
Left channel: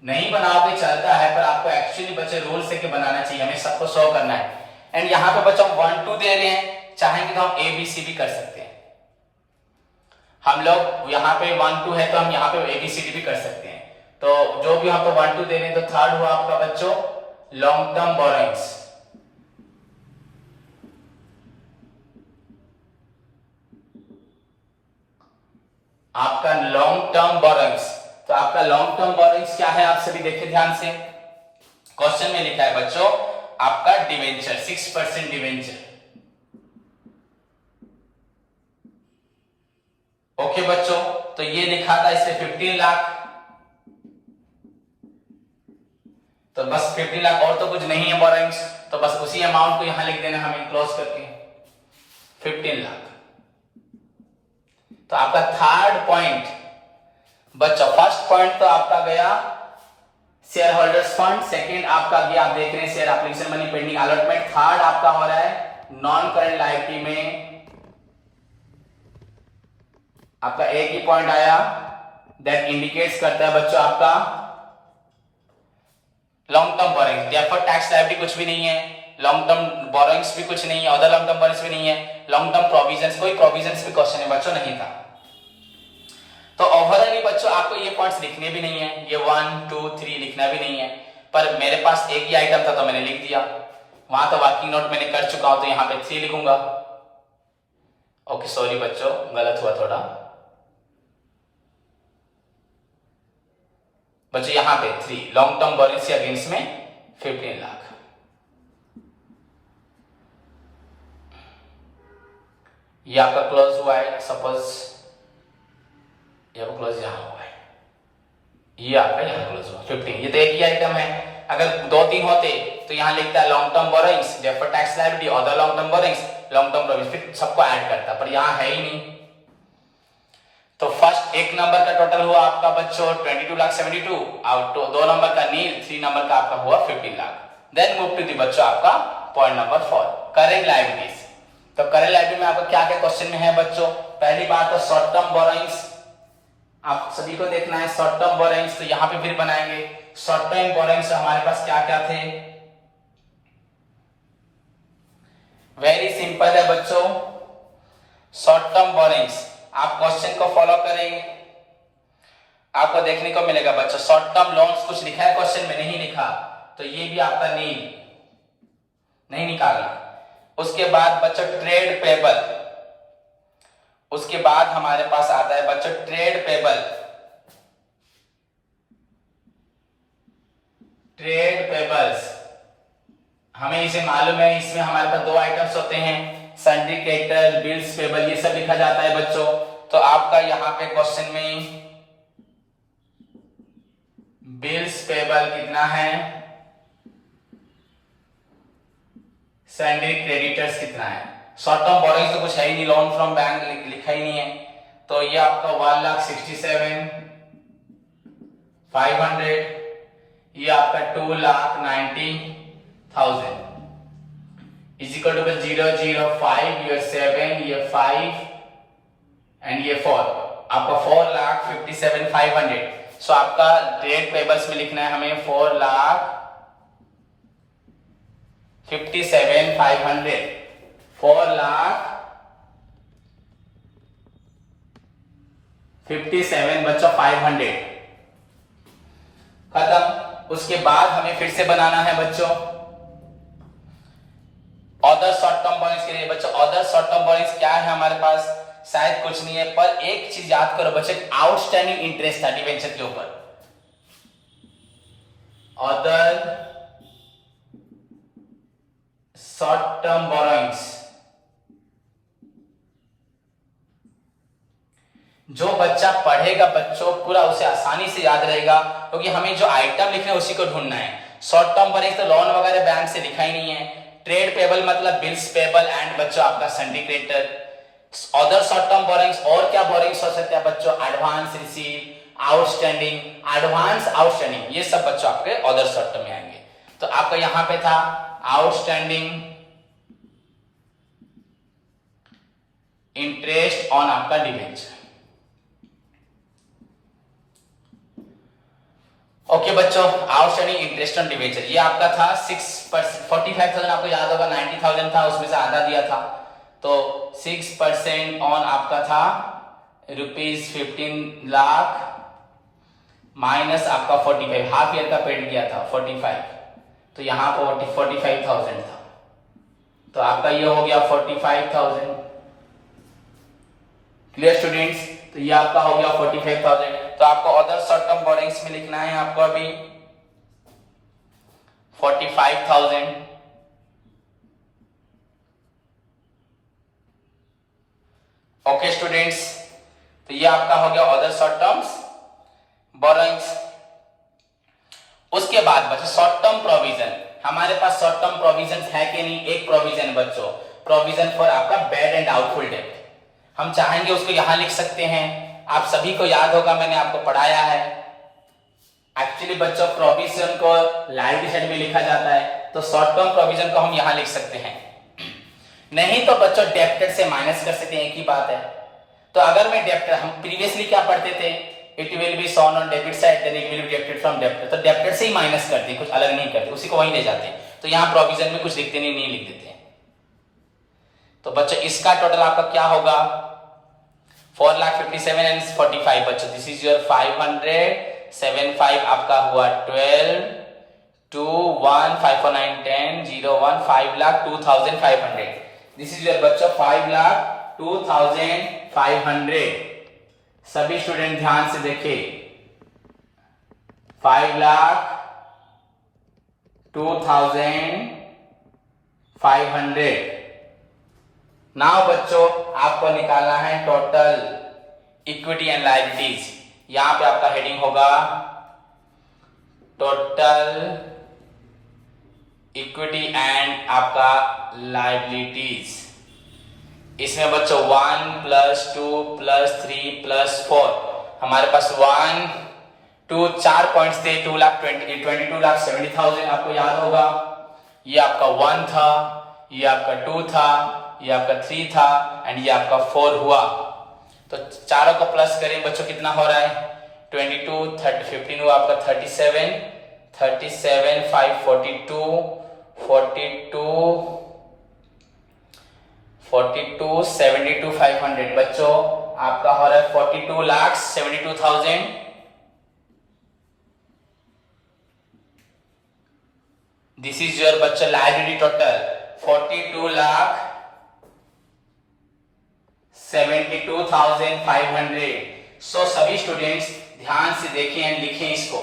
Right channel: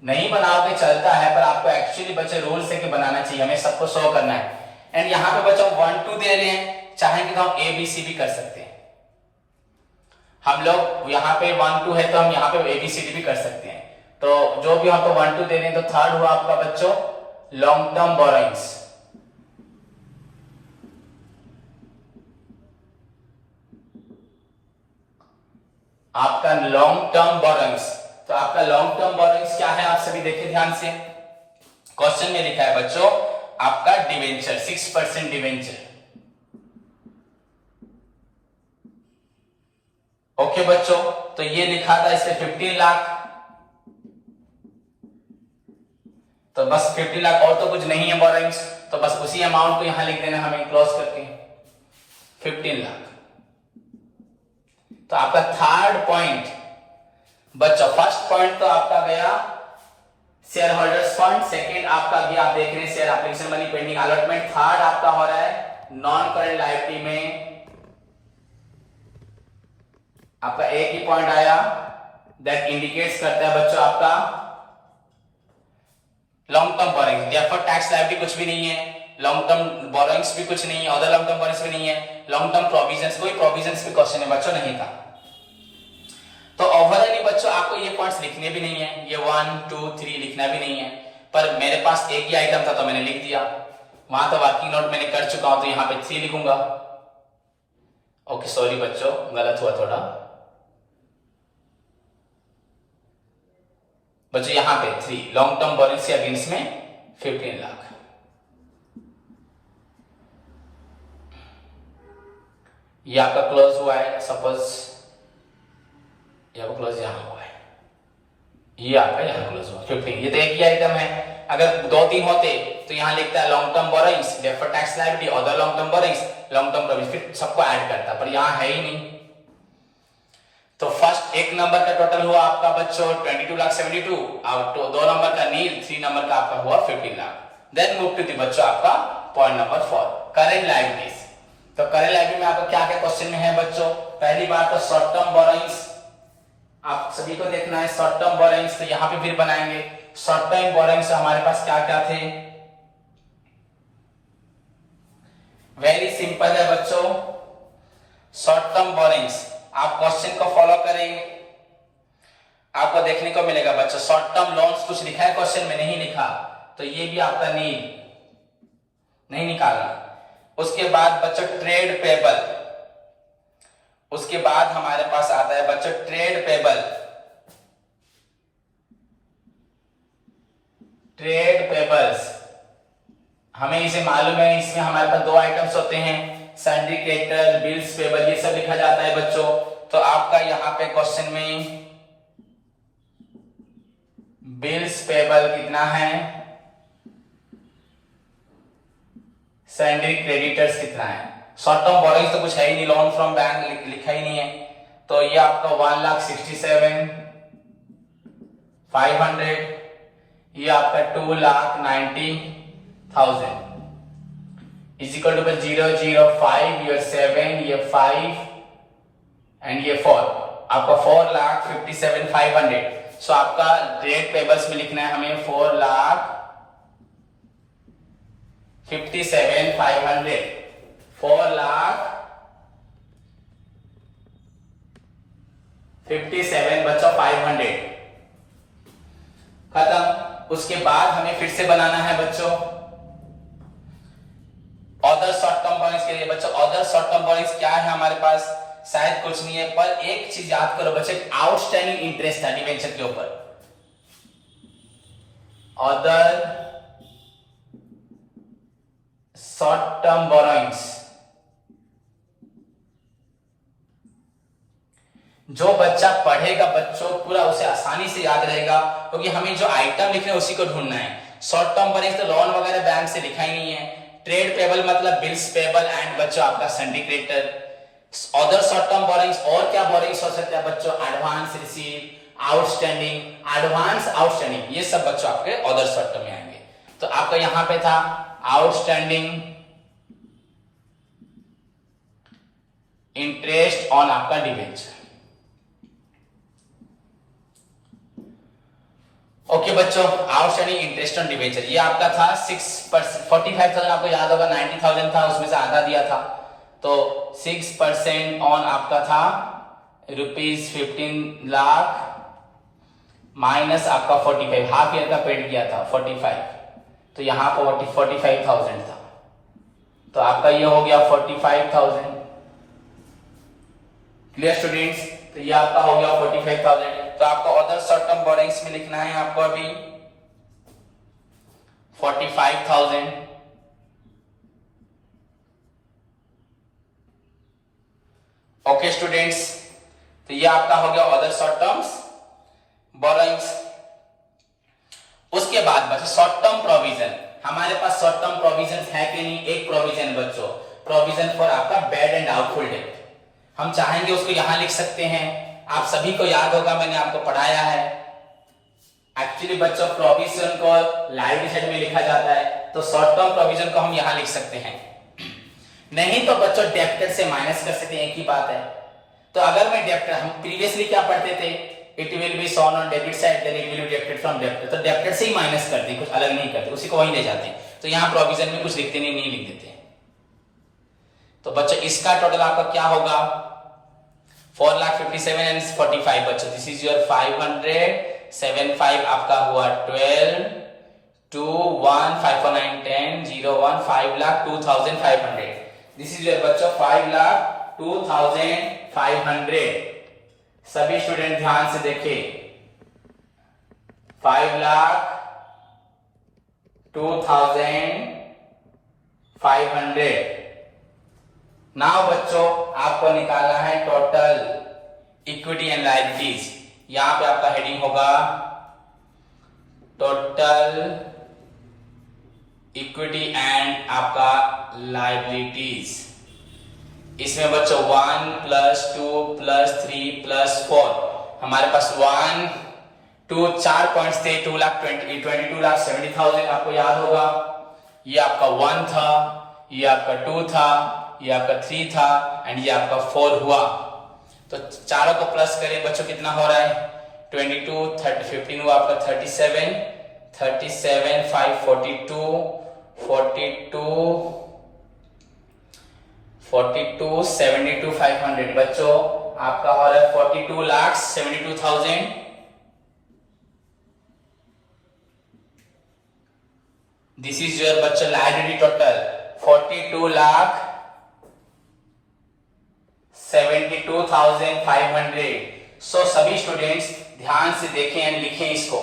नहीं बनाओगे चलता है, पर आपको एक्चुअली बच्चे रूल से कि बनाना चाहिए, हमें सबको शो करना है। एंड यहाँ पे बच्चों 1 2 दे रहे हैं, चाहेंगे तो हम ABC भी कर सकते हैं। हम लोग यहाँ पे 1 2 है तो हम यहाँ पे ABCD भी कर सकते हैं। तो जो भी हम पे 1 2 दे रहे हैं, तो थर्ड हुआ आपका बच्चों लॉन्ग टर्म बोरोइंग्स। आपका लॉन्ग टर्म बोरोइंग्स, तो आपका लॉन्ग टर्म बोरोइंग्स क्या है? आप सभी देखिए ध्यान से, क्वेश्चन में लिखा है बच्चों आपका डिवेंचर, 6% डिवेंचर। ओके बच्चों, तो ये लिखा था इससे 15 लाख, तो बस 15 लाख, और तो कुछ नहीं है बोरोइंग्स, तो बस उसी अमाउंट को यहां लिख देना हमें क्लोज करके 15 लाख। तो आपका थर्ड पॉइंट बच्चों, फर्स्ट पॉइंट तो आपका गया शेयर होल्डर्स फंड, सेकेंड आपका भी आप देख रहे हैं share application money pending allotment, third आपका हो रहा है नॉन करेंट लायबिलिटी में आपका एक ही पॉइंट आया, दैट इंडिकेट्स करता है बच्चों आपका long term borrowings. Deferred tax liability कुछ भी नहीं है, लॉन्ग टर्म बोरोइंग्स भी कुछ नहीं है, अदर लॉन्ग टर्म बोरोइंग्स भी नहीं है, लॉन्ग टर्म प्रोविजंस, कोई प्रोविजंस के क्वेश्चन है बच्चों नहीं था। तो ओवरऑल बच्चों आपको ये पॉइंट्स लिखने भी नहीं है, ये 1 2 3 लिखना भी नहीं है, पर मेरे पास एक ही आइटम था तो मैंने लिख दिया। वहां तो वर्किंग नोट मैंने कर चुका हूं तो यहाँ पे 3 लिखूंगा। ओके सॉरी बच्चों, गलत हुआ थोड़ा। बच्चों यहाँ पे 3 लॉन्ग टर्म बोरोइंग्स के अगेंस्ट में 15 लाख। ये आपका क्लोज हुआ है, सपोज ये आपका क्लोज यहां हुआ है, ये आपका यहां क्लोज हुआ 15। ये तो एक ही आइटम है। अगर 2-3 होते तो यहां लिखता है long term borrowings, deferred tax liability, other long term borrowings, long term provision, फिर सबको ऐड करता, पर यहां है ही नहीं। तो फर्स्ट एक नंबर का टोटल हुआ आपका बच्चों 22,72,000 और 2 नंबर का नील, 3 नंबर का आपका हुआ 15 lakh. Then move to the बच्चों आपका पॉइंट नंबर 4, करेंट लायबिलिटीज। तो करेंट लायबिलिटी में आपका क्या क्या क्वेश्चन में है बच्चों? पहली बात तो शॉर्ट टर्म बोरोइंग्स, आप सभी को देखना है शॉर्ट टर्म बोरोइंग्स, तो यहां पे फिर बनाएंगे। शॉर्ट टर्म बोरोइंग्स हमारे पास क्या क्या थे? वेरी सिंपल है बच्चों, शॉर्ट टर्म बोरोइंग्स आप क्वेश्चन को फॉलो करेंगे, आपको देखने को मिलेगा बच्चों शॉर्ट टर्म लोन्स कुछ लिखा है क्वेश्चन में, नहीं लिखा तो ये भी आपका नील नहीं निकालना। उसके बाद बच्चों ट्रेड पेबल, उसके बाद हमारे पास आता है बच्चों ट्रेड पेबल। ट्रेड पेबल्स हमें इसे मालूम है, इसमें हमारे पास 2 आइटम्स होते हैं, सन्ड्री क्रेडिटर, बिल्स पेबल, ये सब लिखा जाता है बच्चों। तो आपका यहां पे क्वेश्चन में बिल्स पेबल कितना है, सन्ड्री क्रेडिटर्स कितना है। शॉर्ट टर्म बोरोइंग्स तो कुछ है ही नहीं, लोन फ्रॉम बैंक लिखा ही नहीं है, तो ये आपका 1,67,500, ये आपका 2,90,000 इज इक्वल टू 0, 0, 5, ये 7, ये 5 एंड ये 4, आपका 4,57,500। सो आपका ट्रेड पेबल्स में लिखना है हमें 4,57,500, 4,57,500 बच्चा 500 खत्म। उसके बाद हमें फिर से बनाना है बच्चों अदर शॉर्ट टर्म बोरोइंग्स के लिए। बच्चों अदर शॉर्ट टर्म बोरोइंग्स क्या है हमारे पास? शायद कुछ नहीं है, पर एक चीज याद करो बच्चों, आउटस्टैंडिंग इंटरेस्ट था डिवेंचर के ऊपर। अदर शॉर्ट टर्म बोरोइंग्स जो बच्चा पढ़ेगा बच्चों पूरा उसे आसानी से याद रहेगा, क्योंकि हमें जो आइटम लिखना है उसी को ढूंढना है। शॉर्ट टर्म बोरोइंग्स तो लोन वगैरह बैंक से लिखा ही नहीं है। ट्रेड पेबल मतलब बिल्स पेबल एंड बच्चों आपका sundry creditor. Other short term borrowings और क्या बोरोइंग्स हो सकते हैं बच्चों? Advance receive, outstanding, advance outstanding, ये सब बच्चों आपके अदर शॉर्ट टर्म में आएंगे। तो आपका यहां पे था आउटस्टैंडिंग इंटरेस्ट ऑन आपका डिवेंचर। ओके बच्चों, आउटस्टैंडिंग इंटरेस्ट ऑन डिवेंचर ये आपका था 6%, 45,000 आपको याद होगा 90,000 था, उसमें से आधा दिया था, तो 6% ऑन आपका था ₹15 लाख माइनस आपका 45, हाफ ईयर का पेड किया था 45, तो यहां पर 45,000 था, तो आपका ये हो गया 45,000। Clear students? तो ये आपका हो गया 45,000। तो आपको अदर शॉर्ट टर्म बोरोइंग्स में लिखना है आपको अभी 45,000। ओके स्टूडेंट्स, तो ये आपका हो गया अदर शॉर्ट टर्म्स बोरोइंग्स। उसके बाद बचे शॉर्ट टर्म प्रोविजन। हमारे पास शॉर्ट टर्म प्रोविजन है कि नहीं? एक प्रोविजन बच्चों, प्रोविजन फॉर आपका बैड एंड डाउटफुल डेट। हम चाहेंगे उसको यहां लिख सकते हैं, आप सभी को याद होगा मैंने आपको पढ़ाया है। एक्चुअली बच्चों प्रोविजन को लायबिलिटी साइड में लिखा जाता है, तो शॉर्ट टर्म प्रोविजन को हम यहां लिख सकते हैं, नहीं तो बच्चों डेब्टर से माइनस कर सकते हैं, एक ही बात है। तो अगर मैं डेब्टर, हम प्रीवियसली क्या पढ़ते थे, it will be shown on debit side then it will be debited from debtor, तो डेब्टर से ही माइनस करते हैं, कुछ अलग नहीं करते, उसी को वहीं ले जाते हैं। तो यहां प्रोविजन में कुछ लिखते नहीं लिख देते हैं। तो बच्चों इसका टोटल आपका क्या होगा? 4,57,000 and 45 बच्चों, दिस इज योर 500, 75 आपका हुआ 12, 2,1,549, 10, 0, 1, 5,02,500. दिस इज योर बच्चों 5,02,500. सभी स्टूडेंट ध्यान से देखिए, 5,02,500. नाउ बच्चों आपको निकालना है टोटल इक्विटी एंड लायबिलिटीज. यहां पे आपका हेडिंग होगा टोटल इक्विटी एंड आपका लायबिलिटीज. इसमें बच्चों 1 + 2 + 3 + 4 हमारे पास 1 2 4 पॉइंट्स थे. 22,70,000 आपको याद होगा. ये आपका 1 था, ये आपका 2 था, ये आपका 3 था एंड ये आपका 4 हुआ. तो चारों को प्लस करें बच्चों, कितना हो रहा है 22 30 15 हुआ आपका 37 5 42 72,500. बच्चों आपका हो रहा है 42,72,000. दिस इज योर बच्चों लायबिलिटी टोटल 42,72,500. सो सभी स्टूडेंट्स ध्यान से देखें एंड लिखें इसको.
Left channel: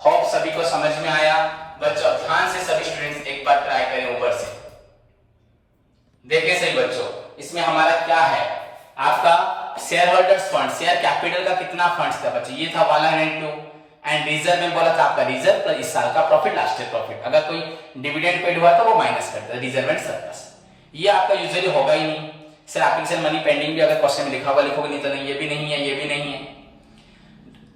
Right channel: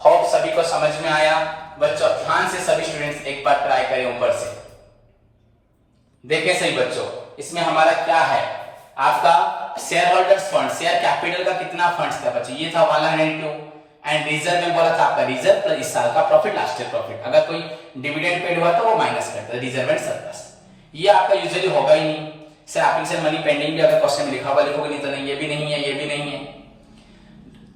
होप सभी को समझ में आया. बच्चों ध्यान से सभी स्टूडेंट्स एक बार ट्राई करें ऊपर से. देखें सही बच्चों, इसमें हमारा क्या है आपका share holders fund, share capital का कितना फंड्स था बच्चों, ये था 102. एंड रिजर्व में बोला था आपका रिजर्व प्लस इस साल का प्रॉफिट, लास्ट ईयर प्रॉफिट. अगर कोई डिविडेंड पेड हुआ तो वो माइनस करता है रिजर्व एंड सरप्लस. ये आपका यूजुअली होगा ही नहीं. सर एप्लीकेशन मनी पेंडिंग भी अगर क्वेश्चन में लिखा हुआ लिखोगे, नहीं तो नहीं, ये भी नहीं है, ये भी नहीं है.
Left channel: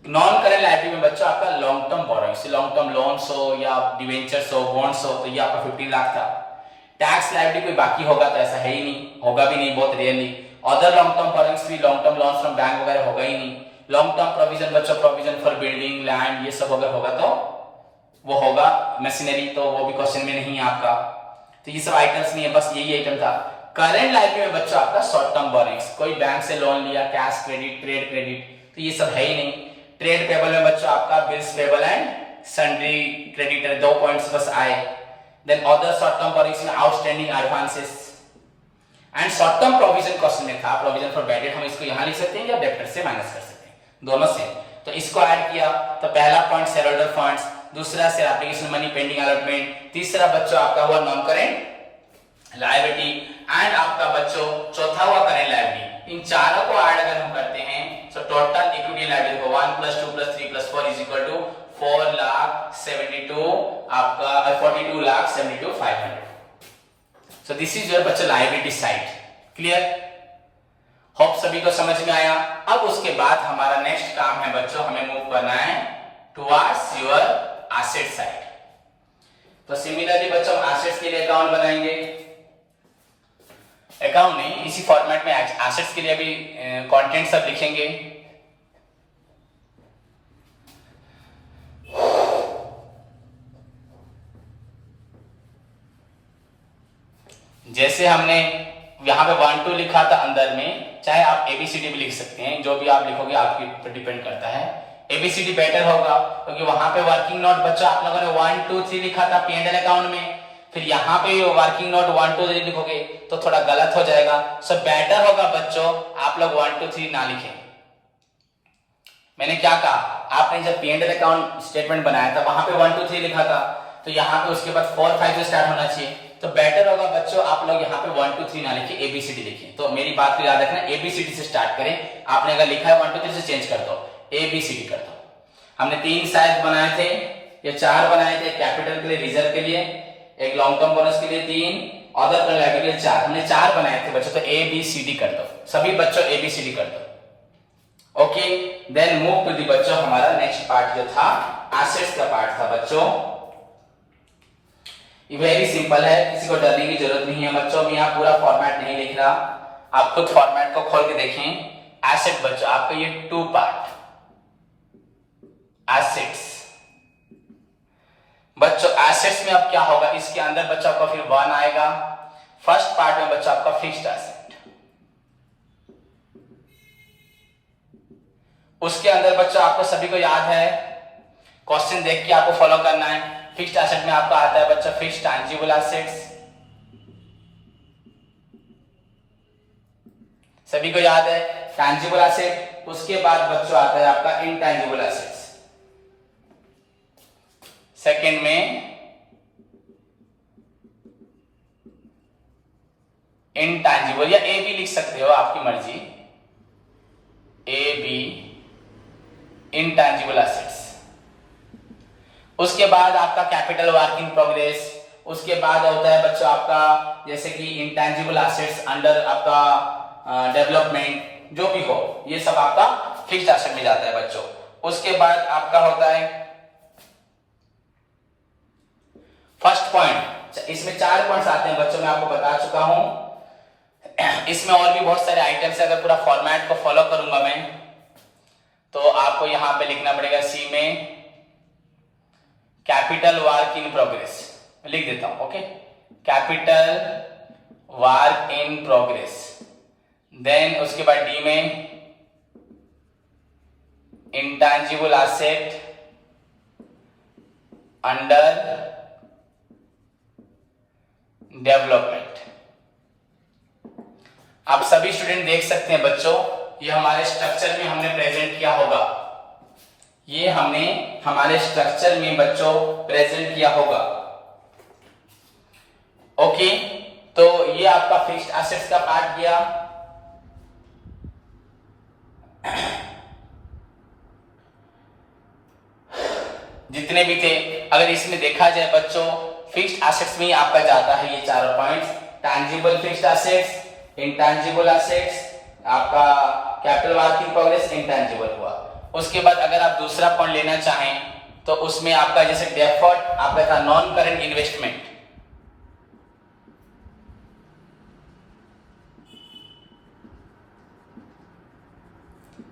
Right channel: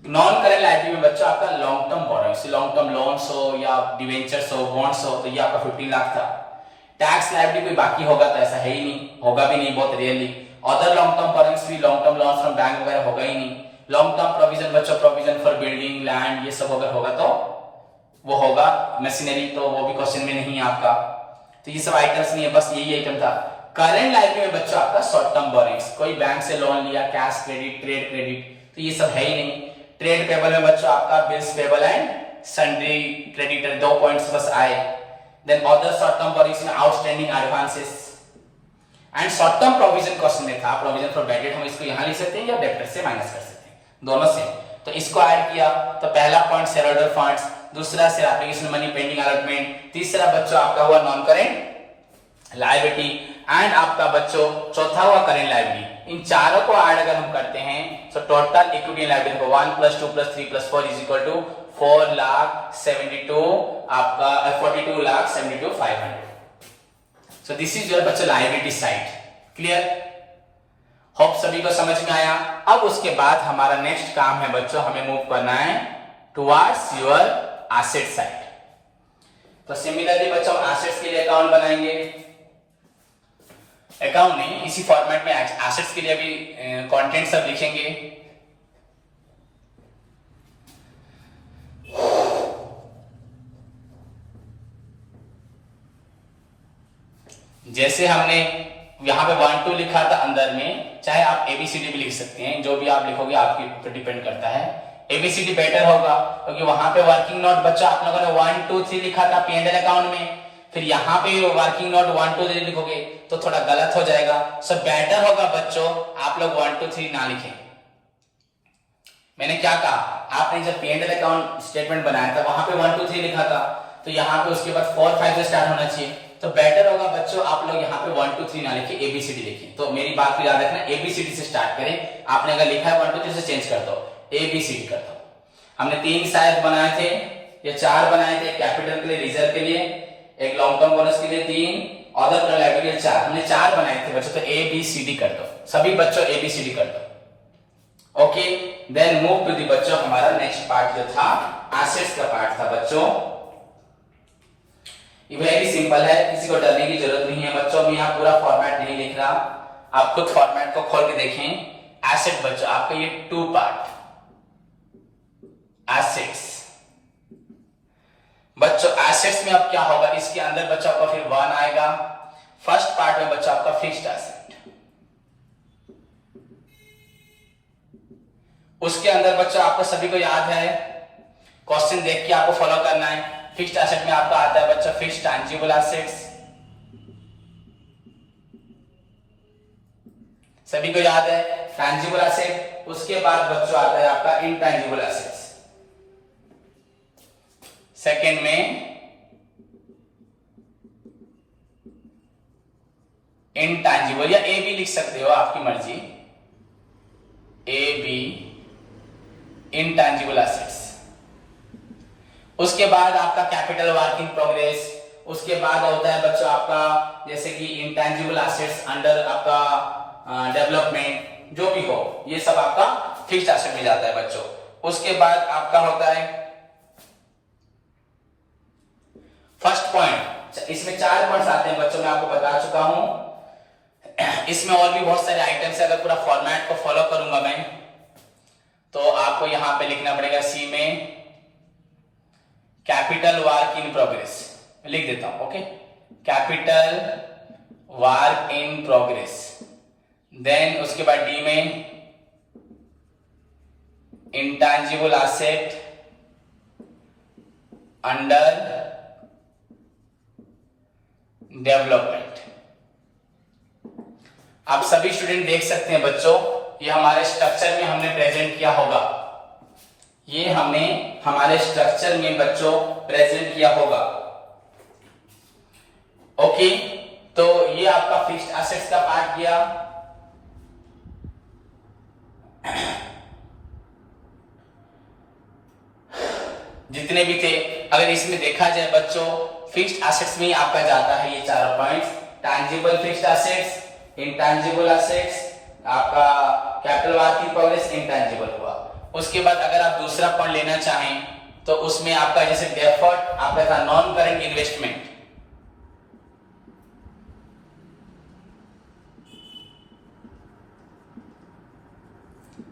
नॉन करेंट लायबिलिटी में बच्चों आपका long term borrowings, long term loans हो या डिवेंचर्स हो, बॉन्ड्स हो, तो ये आपका 15 लाख था. टैक्स लायबिलिटी कोई बाकी होगा तो ऐसा है ही नहीं, होगा भी नहीं, बहुत rarely. Other long term borrowings भी, long term loans from bank वगैरह होगा ही नहीं. लॉन्ग टर्म प्रोविजन बच्चों, प्रोविजन फॉर बिल्डिंग लैंड, ये सब अगर होगा तो वो होगा. मशीनरी तो वो भी क्वेश्चन में नहीं है आपका. तो ये सब आइटम्स नहीं है, बस यही आइटम था. करंट लायबिलिटी में बच्चों आपका शॉर्ट टर्म बोरोइंग्स, कोई बैंक से लोन लिया, कैश क्रेडिट, ट्रेड क्रेडिट, तो ये सब है ही नहीं. ट्रेड पेबल में बच्चों आपका bills payable and sundry creditor, 2 points बस आए. Then other short term borrowings में outstanding advances and short term provision question में था प्रोविजन फॉर बैड डेट. हम इसको यहां लिख सकते हैं या डेब्टर से माइनस कर सकते हैं, दोनों से. तो इसको ऐड किया तो पहला पॉइंट शेयर होल्डर फंड्स, दूसरा से एप्लीकेशन मनी पेंडिंग अलॉटमेंट, तीसरा बच्चों आपका हुआ नॉन करेंट लायबिलिटी एंड आपका बच्चों चौथा हुआ करेंट लायबिलिटी. इन चारों को ऐड अगर हम करते हैं तो टोटल इक्विटी लायबिलिटी को 1 + 2 + 3 + 4 = 4,72,000 आपका 42,72,500. सो दिस इज योर बच्चों लायबिलिटी साइड. क्लियर? होप सभी को समझ में आया. अब उसके बाद हमारा नेक्स्ट काम है बच्चों, हमें मूव करना है टुवर्ड्स योर एसेट साइड. तो सिमिलरली बच्चों एसेट्स के लिए अकाउंट बनाएंगे. अकाउंट नहीं, इसी फॉर्मेट में एसेट्स के लिए भी कंटेंट सब लिखेंगे. जैसे हमने यहां पे 1 2 लिखा था अंदर में, चाहे आप एबीसीडी भी लिख सकते हैं, जो भी आप लिखोगे आपके ऊपर डिपेंड करता है. एबीसीडी बेटर होगा क्योंकि वहां पे वर्किंग नोट बच्चा आप लोगों ने 1 2 3 लिखा था P&L अकाउंट में, फिर यहाँ पे वर्किंग नोट 1 2 3 लिखोगे तो थोड़ा गलत हो जाएगा. सो बेटर होगा बच्चों आप लोग 1 2 3 ना लिखें. मैंने क्या कहा, आपने जब P&L अकाउंट स्टेटमेंट बनाया था वहां पे 1 2 3 लिखा था, तो यहाँ पे उसके बाद 4 5 से स्टार्ट होना चाहिए. तो बेटर होगा बच्चों आप लोग यहाँ पे 1 2 3 ना लिखे, एबीसीडी लिखें. तो मेरी बात को याद रखना, एबीसीडी से स्टार्ट करें. आपने अगर लिखा है 1 2 3 से चेंज कर दो, एबीसीडी कर दो. हमने 3 शायद बनाए थे या 4 बनाए थे, कैपिटल के लिए, रिजर्व के लिए, एक लॉन्ग टर्म बोनस के लिए 3, अदर टर्म लायबिलिटी के लिए 4. हमने 4 बनाए थे बच्चों. तो एबीसीडी कर दो, सभी बच्चों एबीसीडी कर दो. Okay, then move to the बच्चों हमारा नेक्स्ट पार्ट जो था एसेट्स का पार्ट था बच्चों. ये वेरी सिंपल है, किसी को डरने की जरूरत नहीं है बच्चों. मैं यहाँ पूरा फॉर्मेट नहीं लिख रहा, आप खुद फॉर्मेट को खोल के देखें. एसेट बच्चों आपका ये 2 पार्ट एसेट्स. बच्चों एसेट्स में अब क्या होगा, इसके अंदर बच्चों आपका फिर 1 आएगा. फर्स्ट पार्ट में बच्चों आपका फिक्स्ड एसेट, उसके अंदर बच्चों आपको सभी को याद है, क्वेश्चन देख के आपको फॉलो करना है। फिक्स्ड एसेट में आपका आता है बच्चों फिक्स्ड टैंजिबल एसेट्स, सभी को याद है टैंजिबल एसेट। उसके बाद बच्चों आता है आपका इनटैंजिबल एसेट्स। सेकंड में इनटैंजिबल, या ए बी लिख सकते हो, आपकी मर्जी, ए बी इनटैंजिबल एसेट्स। उसके बाद आपका कैपिटल वर्क इन प्रोग्रेस। उसके बाद होता है बच्चों आपका जैसे कि इंटैंजिबल एसेट्स अंडर आपका डेवलपमेंट, जो भी हो, ये सब आपका फिक्स्ड एसेट में जाता है बच्चों। उसके बाद आपका होता है फर्स्ट पॉइंट। इसमें 4 पॉइंट्स आते हैं बच्चों, मैं आपको बता चुका हूं। इसमें और भी बहुत सारे आइटम्स है। अगर पूरा फॉर्मेट को फॉलो करूंगा मैं, तो आपको यहां पे लिखना पड़ेगा सी में कैपिटल वर्क इन प्रोग्रेस, लिख देता हूं, okay, capital work in progress. Then उसके बाद डी में इंटैंजिबल एसेट अंडर डेवलपमेंट। आप सभी स्टूडेंट देख सकते हैं बच्चों, ये हमारे स्ट्रक्चर में हमने प्रेजेंट किया होगा, ये हमने हमारे स्ट्रक्चर में बच्चों प्रेजेंट किया होगा, ओके। तो ये आपका फिक्स्ड एसेट्स का पार्ट गया। जितने भी थे, अगर इसमें देखा जाए बच्चों, फिक्स्ड एसेट्स में आपका जाता है ये 4 points, tangible fixed assets, intangible assets, आपका capital work in progress, intangible हुआ। उसके बाद अगर आप दूसरा पॉइंट लेना चाहें तो उसमें आपका जैसे डेफर्ड आपका था non current investment,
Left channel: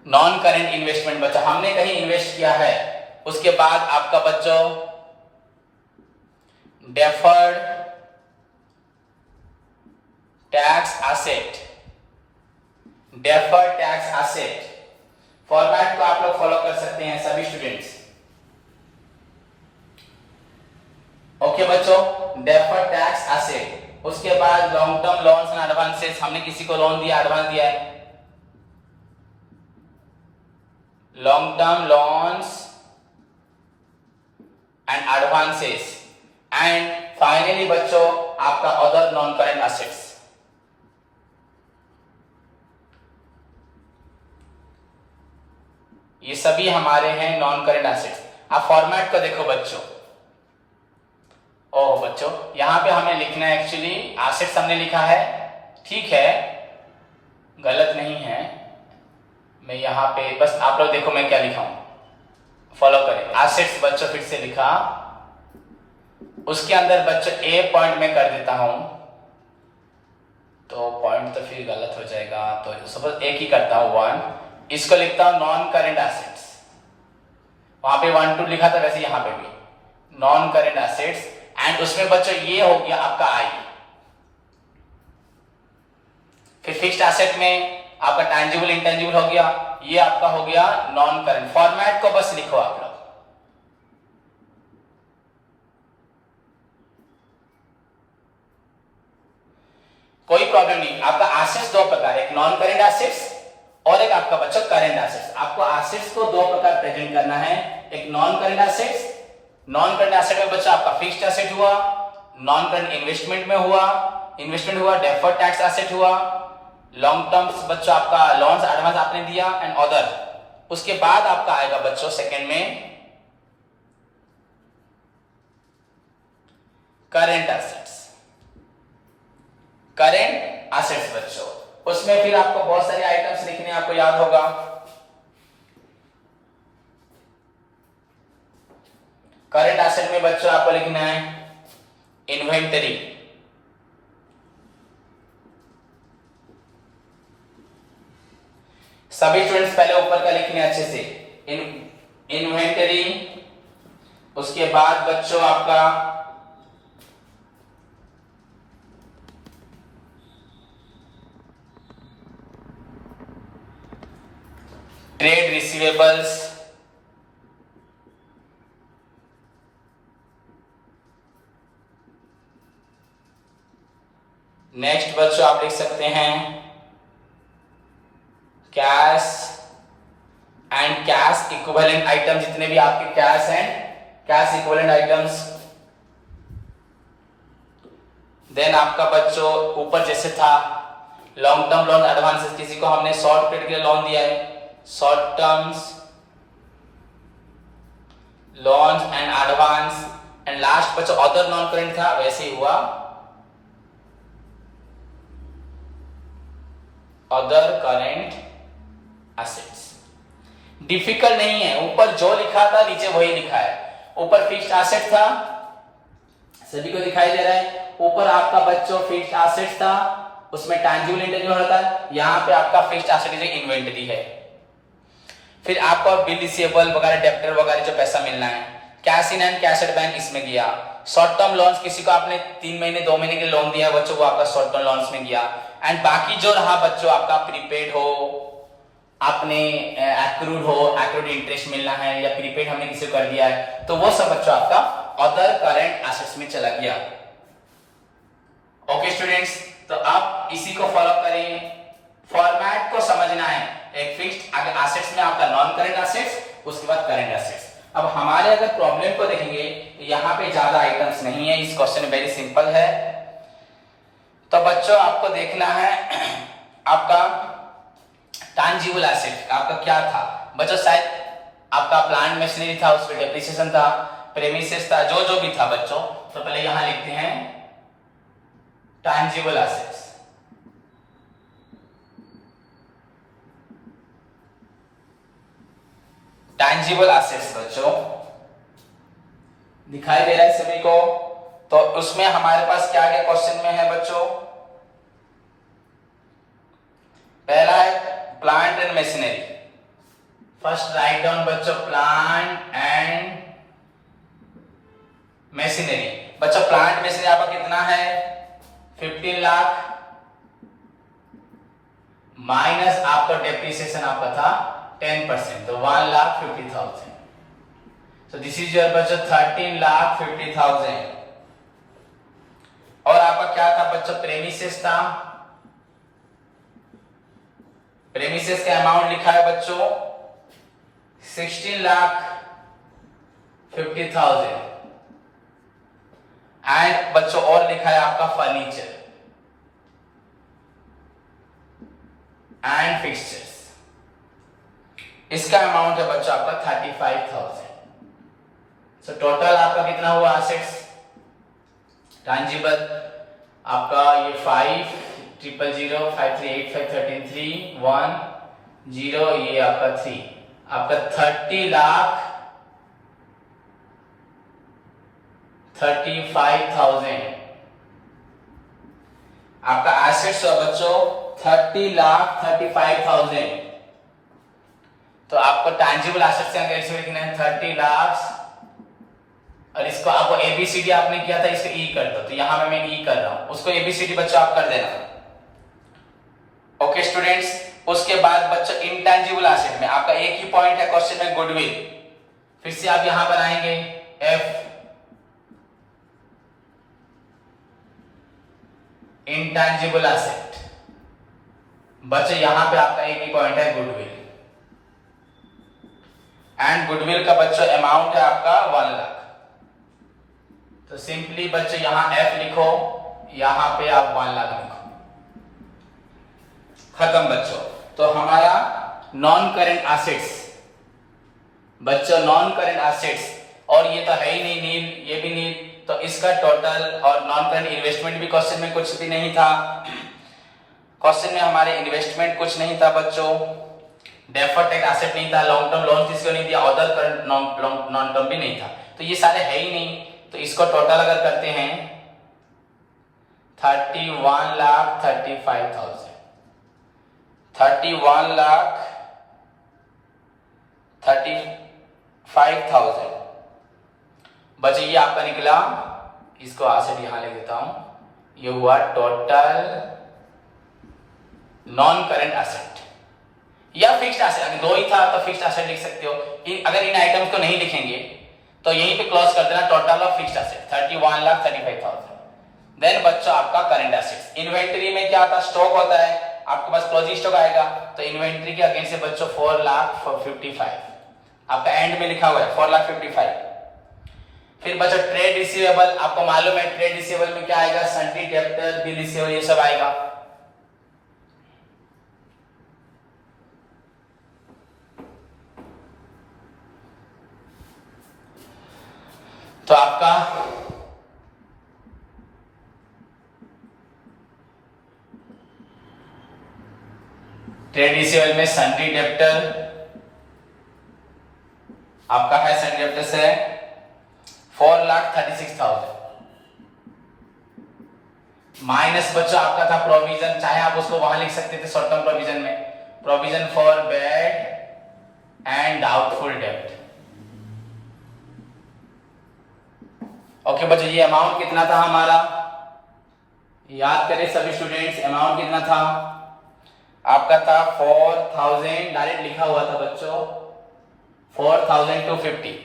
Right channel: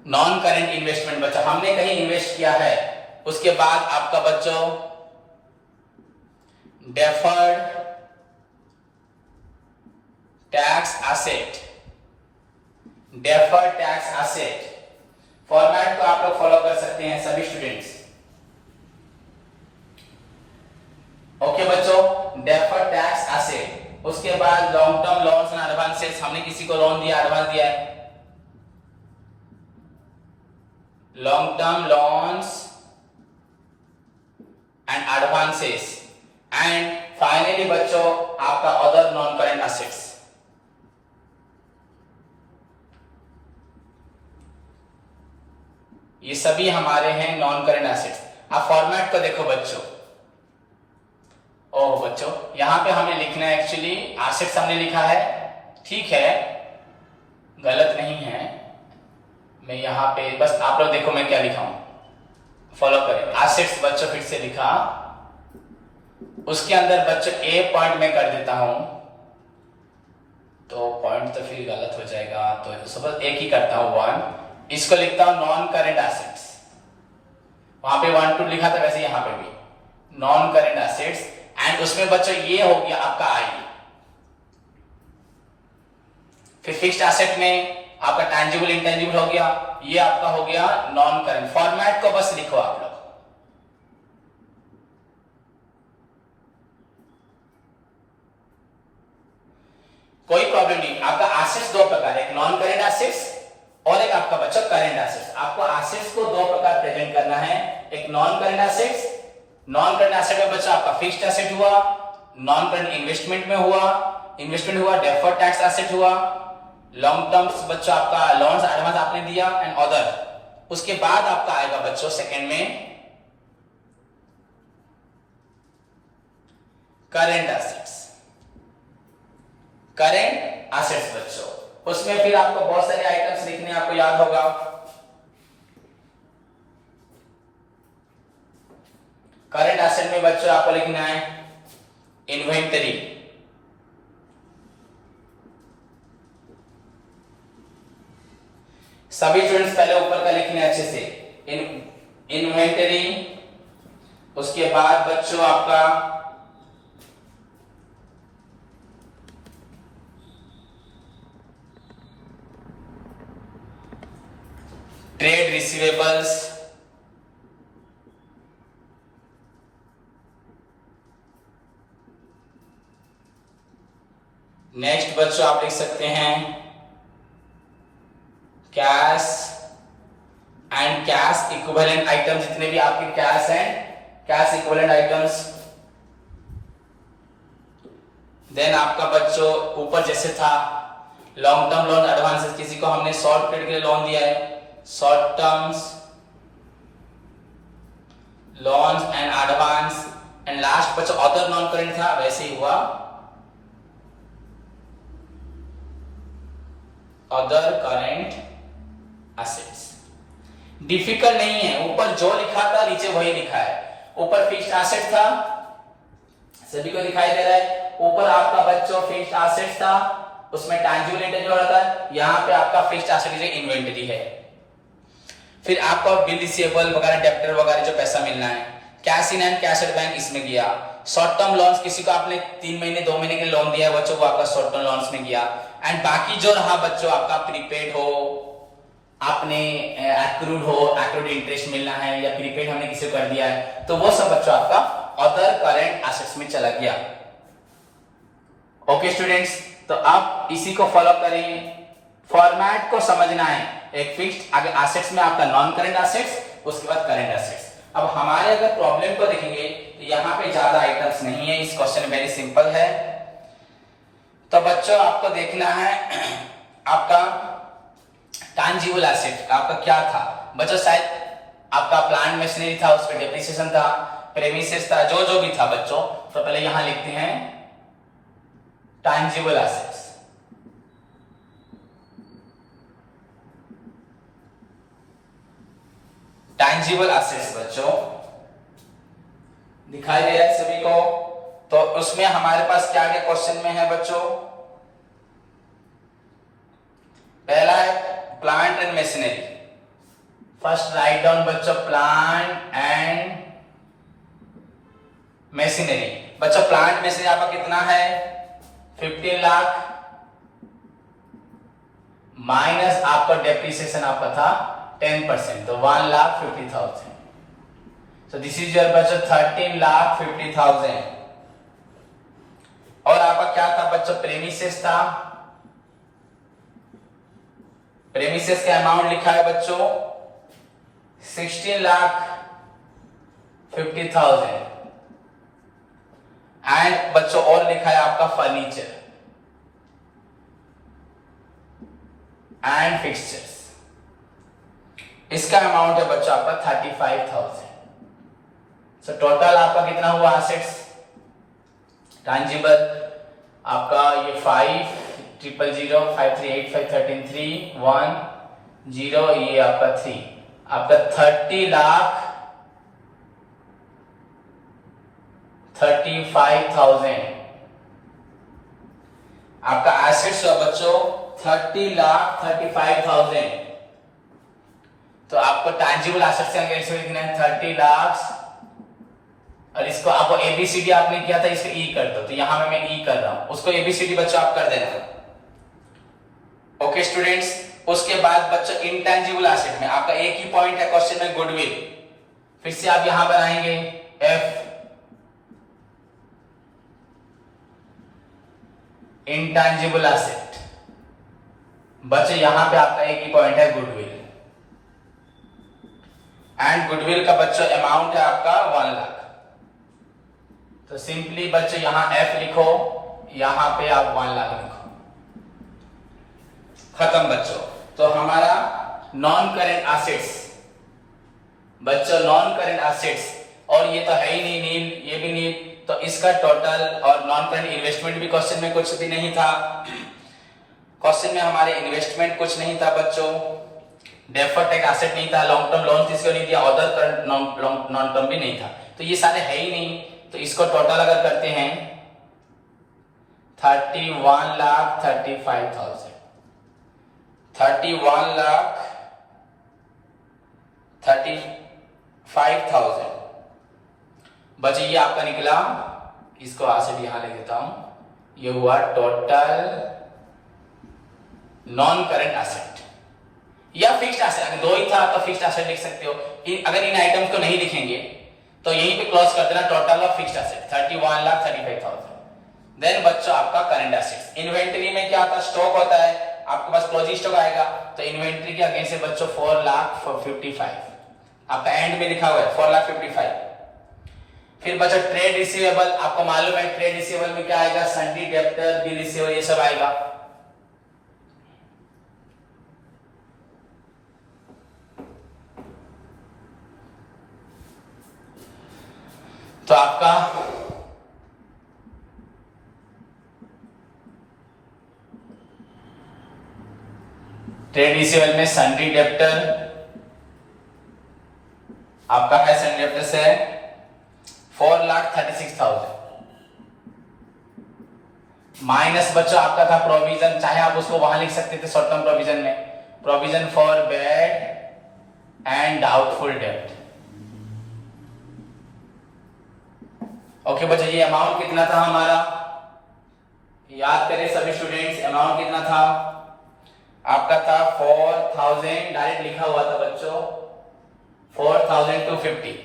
non current investment बच्चा हमने कहीं इन्वेस्ट किया है, उसके बाद आपका बच्चों deferred tax asset, deferred tax asset. Format को आप लोग फॉलो कर सकते हैं सभी स्टूडेंट्स, ओके बच्चों, डेफर्ड टैक्स एसेट। उसके बाद long term loans and advances, हमने किसी को लोन दिया, एडवांस दिया है, long term loans and advances. And finally बच्चों आपका अदर नॉन करंट एसेट्स। ये सभी हमारे हैं नॉन करंट एसेट्स। आप फॉर्मेट को देखो बच्चों, ओह बच्चों यहां पे हमें लिखना है, एक्चुअली एसेट्स हमने लिखा है, ठीक है, गलत नहीं है। मैं यहां पे बस आप लोग देखो मैं क्या लिखा हूं, फॉलो करें। एसेट्स बच्चों फिर से लिखा, उसके अंदर बच्चों ए पॉइंट में कर देता हूं, तो पॉइंट तो फिर गलत हो जाएगा, तो सपोज एक ही करता हूं 1, इसको लिखता हूं नॉन करंट एसेट्स। वहां पे 1 2 लिखा था, वैसे यहां पे भी नॉन करंट एसेट्स। एंड उसमें बच्चों ये हो गया आपका आई। फिर फिक्स्ड एसेट में आपका टैंजिबल इंटैंजिबल हो गया, ये आपका हो गया नॉन करंट। फॉर्मेट को बस लिखो आप लोग, कोई प्रॉब्लम नहीं। आपका एसेट्स 2 प्रकार है, एक नॉन करंट एसेट्स और एक आपका बच्चा करंट एसेट्स। आपको एसेट्स को 2 प्रकार प्रेजेंट करना है, एक non current assets, non current asset में बच्चा आपका फिक्स्ड एसेट हुआ, नॉन करंट इन्वेस्टमेंट में हुआ, इन्वेस्टमेंट हुआ, डेफर्ड टैक्स एसेट हुआ, लॉन्ग टर्म्स बच्चा आपका लोन्स एडवांस आपने दिया, एंड अदर। उसके बाद आपका आएगा बच्चों सेकंड में करंट एसेट्स, करंट एसेट्स बच्चों। उसमें फिर आपको बहुत सारे आइटम्स लिखने आपको याद होगा, करंट एसेट में बच्चों आपको लिखना है इन्वेंटरी, सभी स्टूडेंट्स पहले ऊपर का लिखने अच्छे से, इन्वेंटरी। उसके बाद बच्चों आपका ट्रेड रिसीवेबल्स, नेक्स्ट बच्चों आप लिख सकते हैं cash and cash equivalent item, जितने भी आपके कैश हैं, कैश इक्विवेलेंट आइटम्स। देन आपका बच्चों ऊपर जैसे था लॉन्ग टर्म लोन एडवांसेस, किसी को हमने शॉर्ट पीरियड के लिए लोन दिया है, short terms loans and advance, and last बच्चों अदर नॉन करेंट था, वैसे ही हुआ अदर करेंट एसेट्स। डिफिकल्ट नहीं है, ऊपर जो लिखा था नीचे वही लिखा है। ऊपर फिक्स्ड एसेट था, सभी को दिखाई दे रहा है, ऊपर आपका बच्चों फिक्स्ड एसेट था, उसमें टैंजिबल इंटेंजिबल रहता है, यहाँ पे आपका फिक्स्ड एसेट जो इन्वेंटरी है। फिर आपको बिल रिसीवेबल वगैरह डेब्टर वगैरह जो पैसा मिलना है, cash in and cash at bank इसमें गया। शॉर्ट टर्म लोन्स, किसी को आपने 3 महीने 2 महीने के लोन दिया बच्चों, वो आपका शॉर्ट टर्म लोन्स में गया। एंड बाकी जो रहा बच्चों आपका प्रीपेड हो, आपने एक्रूड इंटरेस्ट मिलना है, या प्रीपेड हमने किसी को कर दिया है, तो वो सब बच्चों आपका अदर करेंट एसेट्स में चला गया। ओके स्टूडेंट्स, तो आप इसी को फॉलो करेंगे, फॉर्मेट को समझना है। एक फिक्स्ड अगर एसेट्स में आपका नॉन करेंट एसेट्स, उसके बाद करेंट एसेट्स। अब हमारे अगर प्रॉब्लम को देखेंगे तो यहाँ पे ज्यादा आइटम्स नहीं है, इस क्वेश्चन वेरी सिंपल है। तो बच्चों आपको देखना है आपका टैंजिबल एसेट आपका क्या था बच्चों, शायद आपका प्लांट मशीनरी था, उस पर डेप्रिसिएशन था, प्रेमिसेस था, जो भी था बच्चों। तो पहले यहां लिखते हैं टैंजिबल एसेट्स। टैंजिबल एसेट्स बच्चों दिखाई दे रहा है सभी को। तो उसमें हमारे पास क्या क्या क्वेश्चन में है बच्चों, पहला है plant and machinery. First write down बच्चों प्लांट एंड मशीनरी। बच्चों प्लांट मशीनरी आपका कितना है 15 लाख माइनस आपका डेप्रिसिएशन आपका था 10%, तो 1,50,000। So this is your बच्चों 13,50,000। और आपका क्या था बच्चों प्रेमिसेस था, प्रेमिसेस का अमाउंट लिखा है बच्चों 16,50,000। एंड बच्चों और लिखा है आपका फर्नीचर एंड फिक्सचर्स, इसका अमाउंट है बच्चों आपका 35,000। सो टोटल आपका कितना हुआ एसेट्स टैंजिबल आपका ये 5,000,000 538,513,310 ये आपका 3 आपका 30,35,000 आपका एसेट्स हुआ बच्चों 30,35,000। तो आपको टैंजिबल एसेट्स का कैसे लिखना है 30 लाख, और इसको आपको एबीसीडी आपने किया था, इसको ई कर दो। तो यहां मैं ई कर रहा हूं, उसको एबीसीडी बच्चों आप कर देना। ओके स्टूडेंट्स, उसके बाद बच्चों इंटेंजिबल एसेट में आपका एक ही पॉइंट है क्वेश्चन में गुडविल। फिर से आप यहां बनाएंगे एफ इंटेंजिबल एसेट। बच्चों यहां पे आपका एक ही पॉइंट है गुडविल, एंड गुडविल का बच्चों अमाउंट है आपका 1 लाख। तो सिंपली बच्चों यहां एफ लिखो, यहां पे आप 1 लाख लिखो, खत्म बच्चों। तो हमारा नॉन करेंट एसेट्स बच्चों, नॉन करेंट एसेट्स, और ये तो है ही नहीं नील, ये भी नील, तो इसका टोटल और नॉन करेंट इन्वेस्टमेंट भी क्वेश्चन में कुछ भी नहीं था। क्वेश्चन में हमारे इन्वेस्टमेंट कुछ नहीं था बच्चों, डेफर्ड टैक्स एसेट नहीं था, लॉन्ग टर्म लोन किसको नहीं दिया, अदर करंट नॉन टर्म भी नहीं था, तो ये सारे है ही नहीं। तो इसको टोटल अगर करते हैं 31,35,000 31,35,000 बच्चे ये आपका निकला। इसको एसेट यहां लिख देता हूं, ये हुआ टोटल नॉन करेंट एसेट। या फिक्स्ड एसेट, अगर 2 ही था तो फिक्स्ड एसेट लिख सकते हो। अगर इन आइटम्स को नहीं लिखेंगे तो यहीं पे क्लोज कर देना total of fixed asset 31,35,000। Then बच्चों आपका करंट एसेट्स, इन्वेंटरी में क्या आता है, स्टॉक होता है, आपके पास क्लोजिंग स्टॉक आएगा, तो इन्वेंटरी के अगेंस्ट से बच्चों 4,55,000 आपका एंड में लिखा हुआ है 4,55,000। फिर बच्चों ट्रेड रिसीवेबल, आपको मालूम है ट्रेड रिसीवेबल में क्या आएगा, सन्ड्री डेब्टर, बिल रिसीवेबल, ये सब आएगा। तो आपका ट्रेड रिसीवेबल में सन्ड्री डेब्टर आपका है, सन्ड्री डेब्टर से 4,36,000 माइनस बच्चों आपका था प्रोविजन, चाहे आप उसको वहां लिख सकते थे शॉर्ट टर्म प्रोविजन में, provision for bad and doubtful डेब्ट। ओके बच्चों, ये अमाउंट कितना था हमारा, याद करें सभी स्टूडेंट्स, अमाउंट कितना था आपका, था 4,000, डायरेक्ट लिखा हुआ था बच्चों 4,250।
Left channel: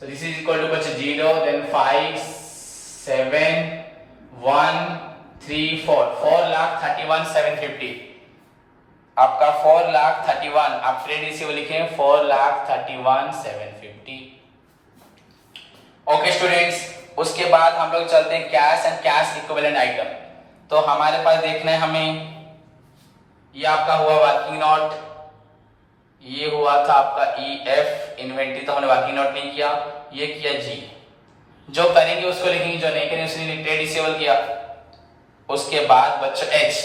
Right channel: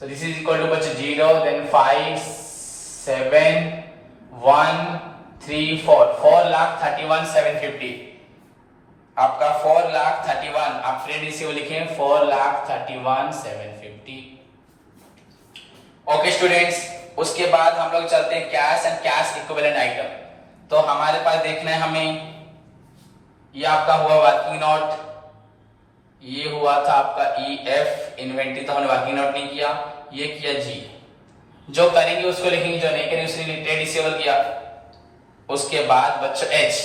So this is equal to बच्चों 0, then 5, 7, 1, 3, 4, 4,31,750 आपका 4,31,000, आप ट्रेड रिसीवेबल लिखें 4,31,750। ओके स्टूडेंट्स, उसके बाद हम लोग चलते हैं cash and cash equivalent item. तो हमारे पास देखना है हमें, ये आपका हुआ वर्किंग नोट, ये हुआ था आपका EF इन्वेंटरी, तो हमने वर्किंग नोट नहीं किया, ये किया G, जो करेंगे उसको लिखेंगे, जो नहीं करेंगे उसने ट्रेड रिसीवेबल किया। उसके बाद बच्चों H,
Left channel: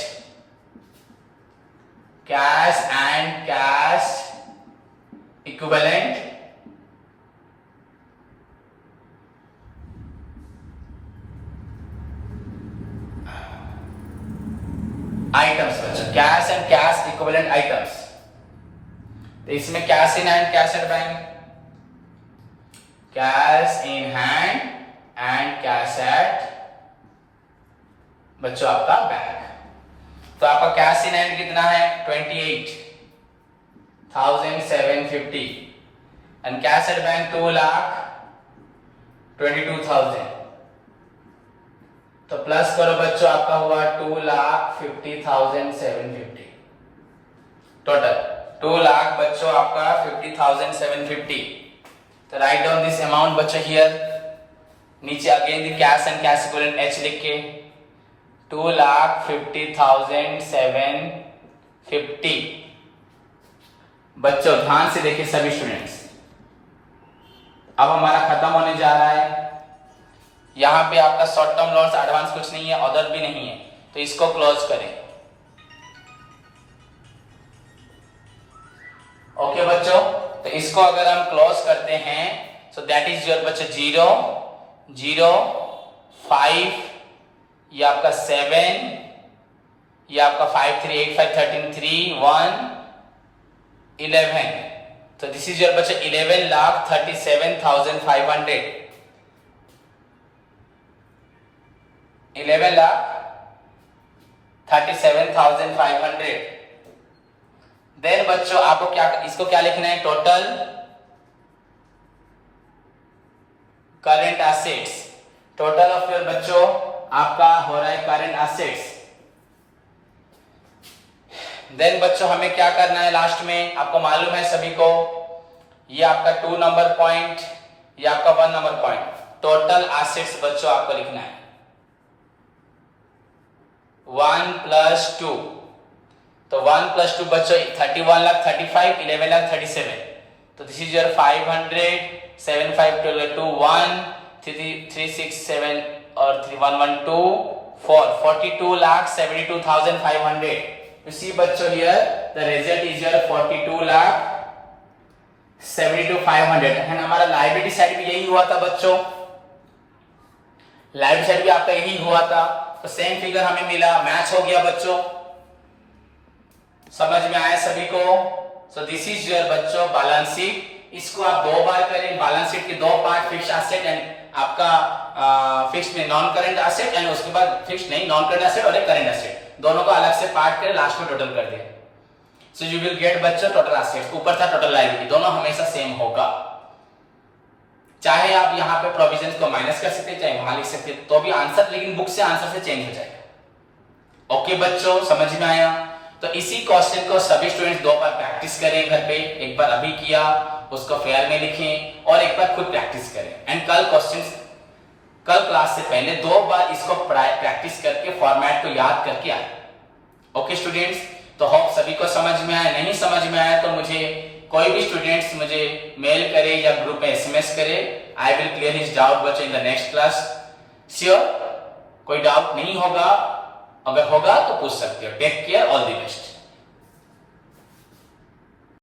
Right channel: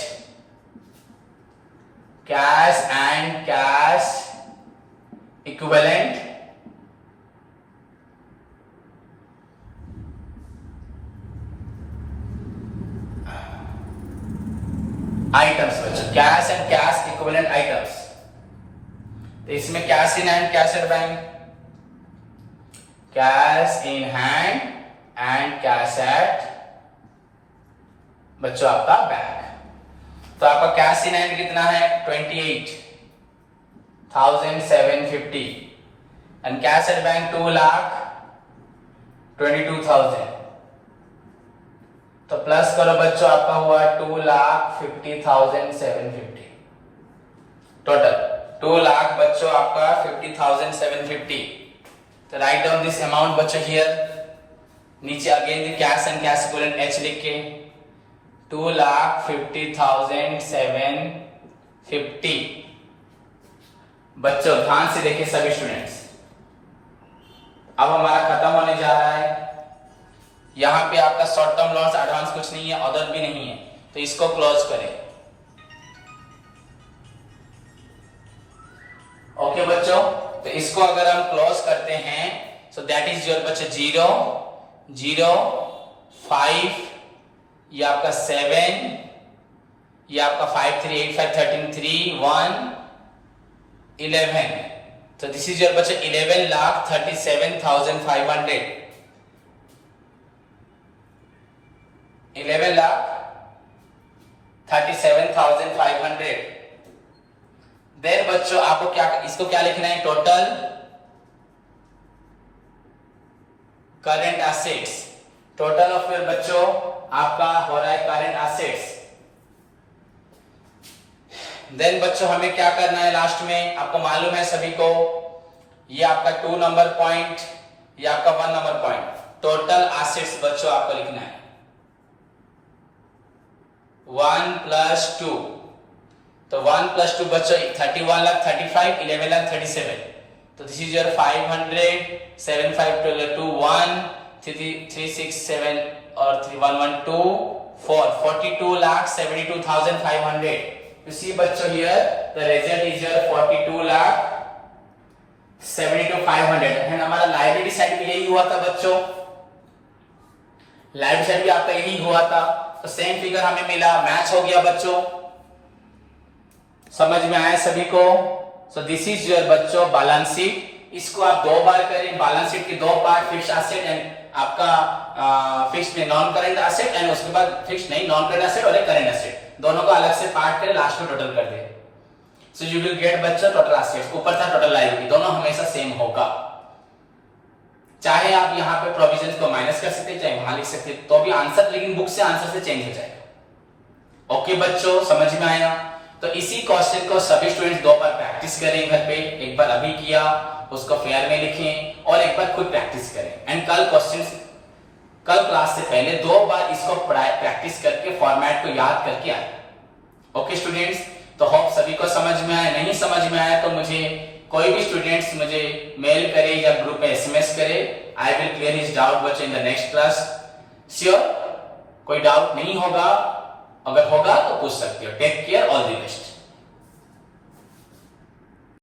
cash and cash equivalent items, बच्चों cash and cash equivalent items. तो इसमें cash in hand, cash at bank, cash in hand and cash at बच्चों आपका बैंक। तो आपका कैश इन हैंड कितना है 28,750 एंड कैश एट बैंक 2,22,000। तो प्लस करो बच्चों, आपका हुआ 2,50,750 टोटल, 2 लाख बच्चों आपका 50,750। तो राइट डाउन दिस अमाउंट बच्चों हियर, नीचे again cash and cash equivalent H लिख के 2,50,750 बच्चों ध्यान से देखिए सभी स्टूडेंट्स, अब हमारा खत्म होने जा रहा है। यहां पे आपका शॉर्ट टर्म लॉन्स एडवांस कुछ नहीं है, अदर भी नहीं है, तो इसको क्लोज करें। ओके बच्चों, तो इसको अगर हम क्लोज करते हैं, सो दैट इज योर बच्चों 0, 0, 5, ये आपका 7, ये आपका 5, 3, 8, 5, 13, 3, 1, 11। तो दिस इज योर बच्चों 11,37,500, 11,37,500। देन बच्चों आपको क्या, इसको क्या लिखना है, total current assets, total of your बच्चों आपका हो रहा है करंट एसेट्स। देन बच्चों हमें क्या करना है लास्ट में, आपको मालूम है सभी को, ये आपका 2 नंबर पॉइंट, ये आपका 1 नंबर पॉइंट, टोटल एसेट्स बच्चों आपको लिखना है 1 + 2। तो 1 + 2 बच्चों 31,35,000, 11,37,000। तो दिस इज योर 500, 7,5,2, 1, 3, 6, 7 और 3, 1, 1, 2, 4, 42,72,500। You see बच्चों here the result is your 42,72,500। And हमारा लाइब्रेरी साइड भी यही हुआ था बच्चों, लाइब्रेरी साइड भी आपका यही हुआ था, तो सेम फिगर हमें मिला, मैच हो गया बच्चों, समझ में आया सभी को। सो दिस इज योर बच्चों बैलेंस शीट, इसको आप 2 बार करें, बैलेंस शीट के 2 पार्ट, फिक्स एसेट एंड आपका फिक्स में नॉन करेंट एसेट, एंड उसके बाद फिक्स नहीं नॉन करेंट एसेट और एक करेंट एसेट, दोनों को अलग से पार्ट करें, लास्ट में टोटल कर दें। सो यू विल गेट बच्चों टोटल एसेट्स, ऊपर था टोटल लायबिलिटी, दोनों हमेशा सेम होगा। चाहे आप यहाँ पे प्रोविजन को माइनस कर सकते हैं, चाहे वहां लिख सकते हैं, तो भी आंसर, लेकिन बुक से आंसर से चेंज हो जाएगा। ओके बच्चों, समझ में आया? तो इसी क्वेश्चन को सभी स्टूडेंट्स 2 बार प्रैक्टिस करें घर पे, एक बार अभी किया उसको फेयर में लिखें और एक बार खुद प्रैक्टिस करें, एंड कल क्लास से पहले 2 बार इसको प्रैक्टिस करके फॉर्मेट को याद करके आए। ओके स्टूडेंट्स, तो होप सभी को समझ में आया। नहीं समझ में आया तो मुझे कोई भी स्टूडेंट्स मुझे मेल करे या ग्रुप पे SMS करे, I will clear his doubt बच्चों in the next class. Sure, कोई डाउट नहीं होगा? अगर होगा तो पूछ सकते हो। Take care, all the best.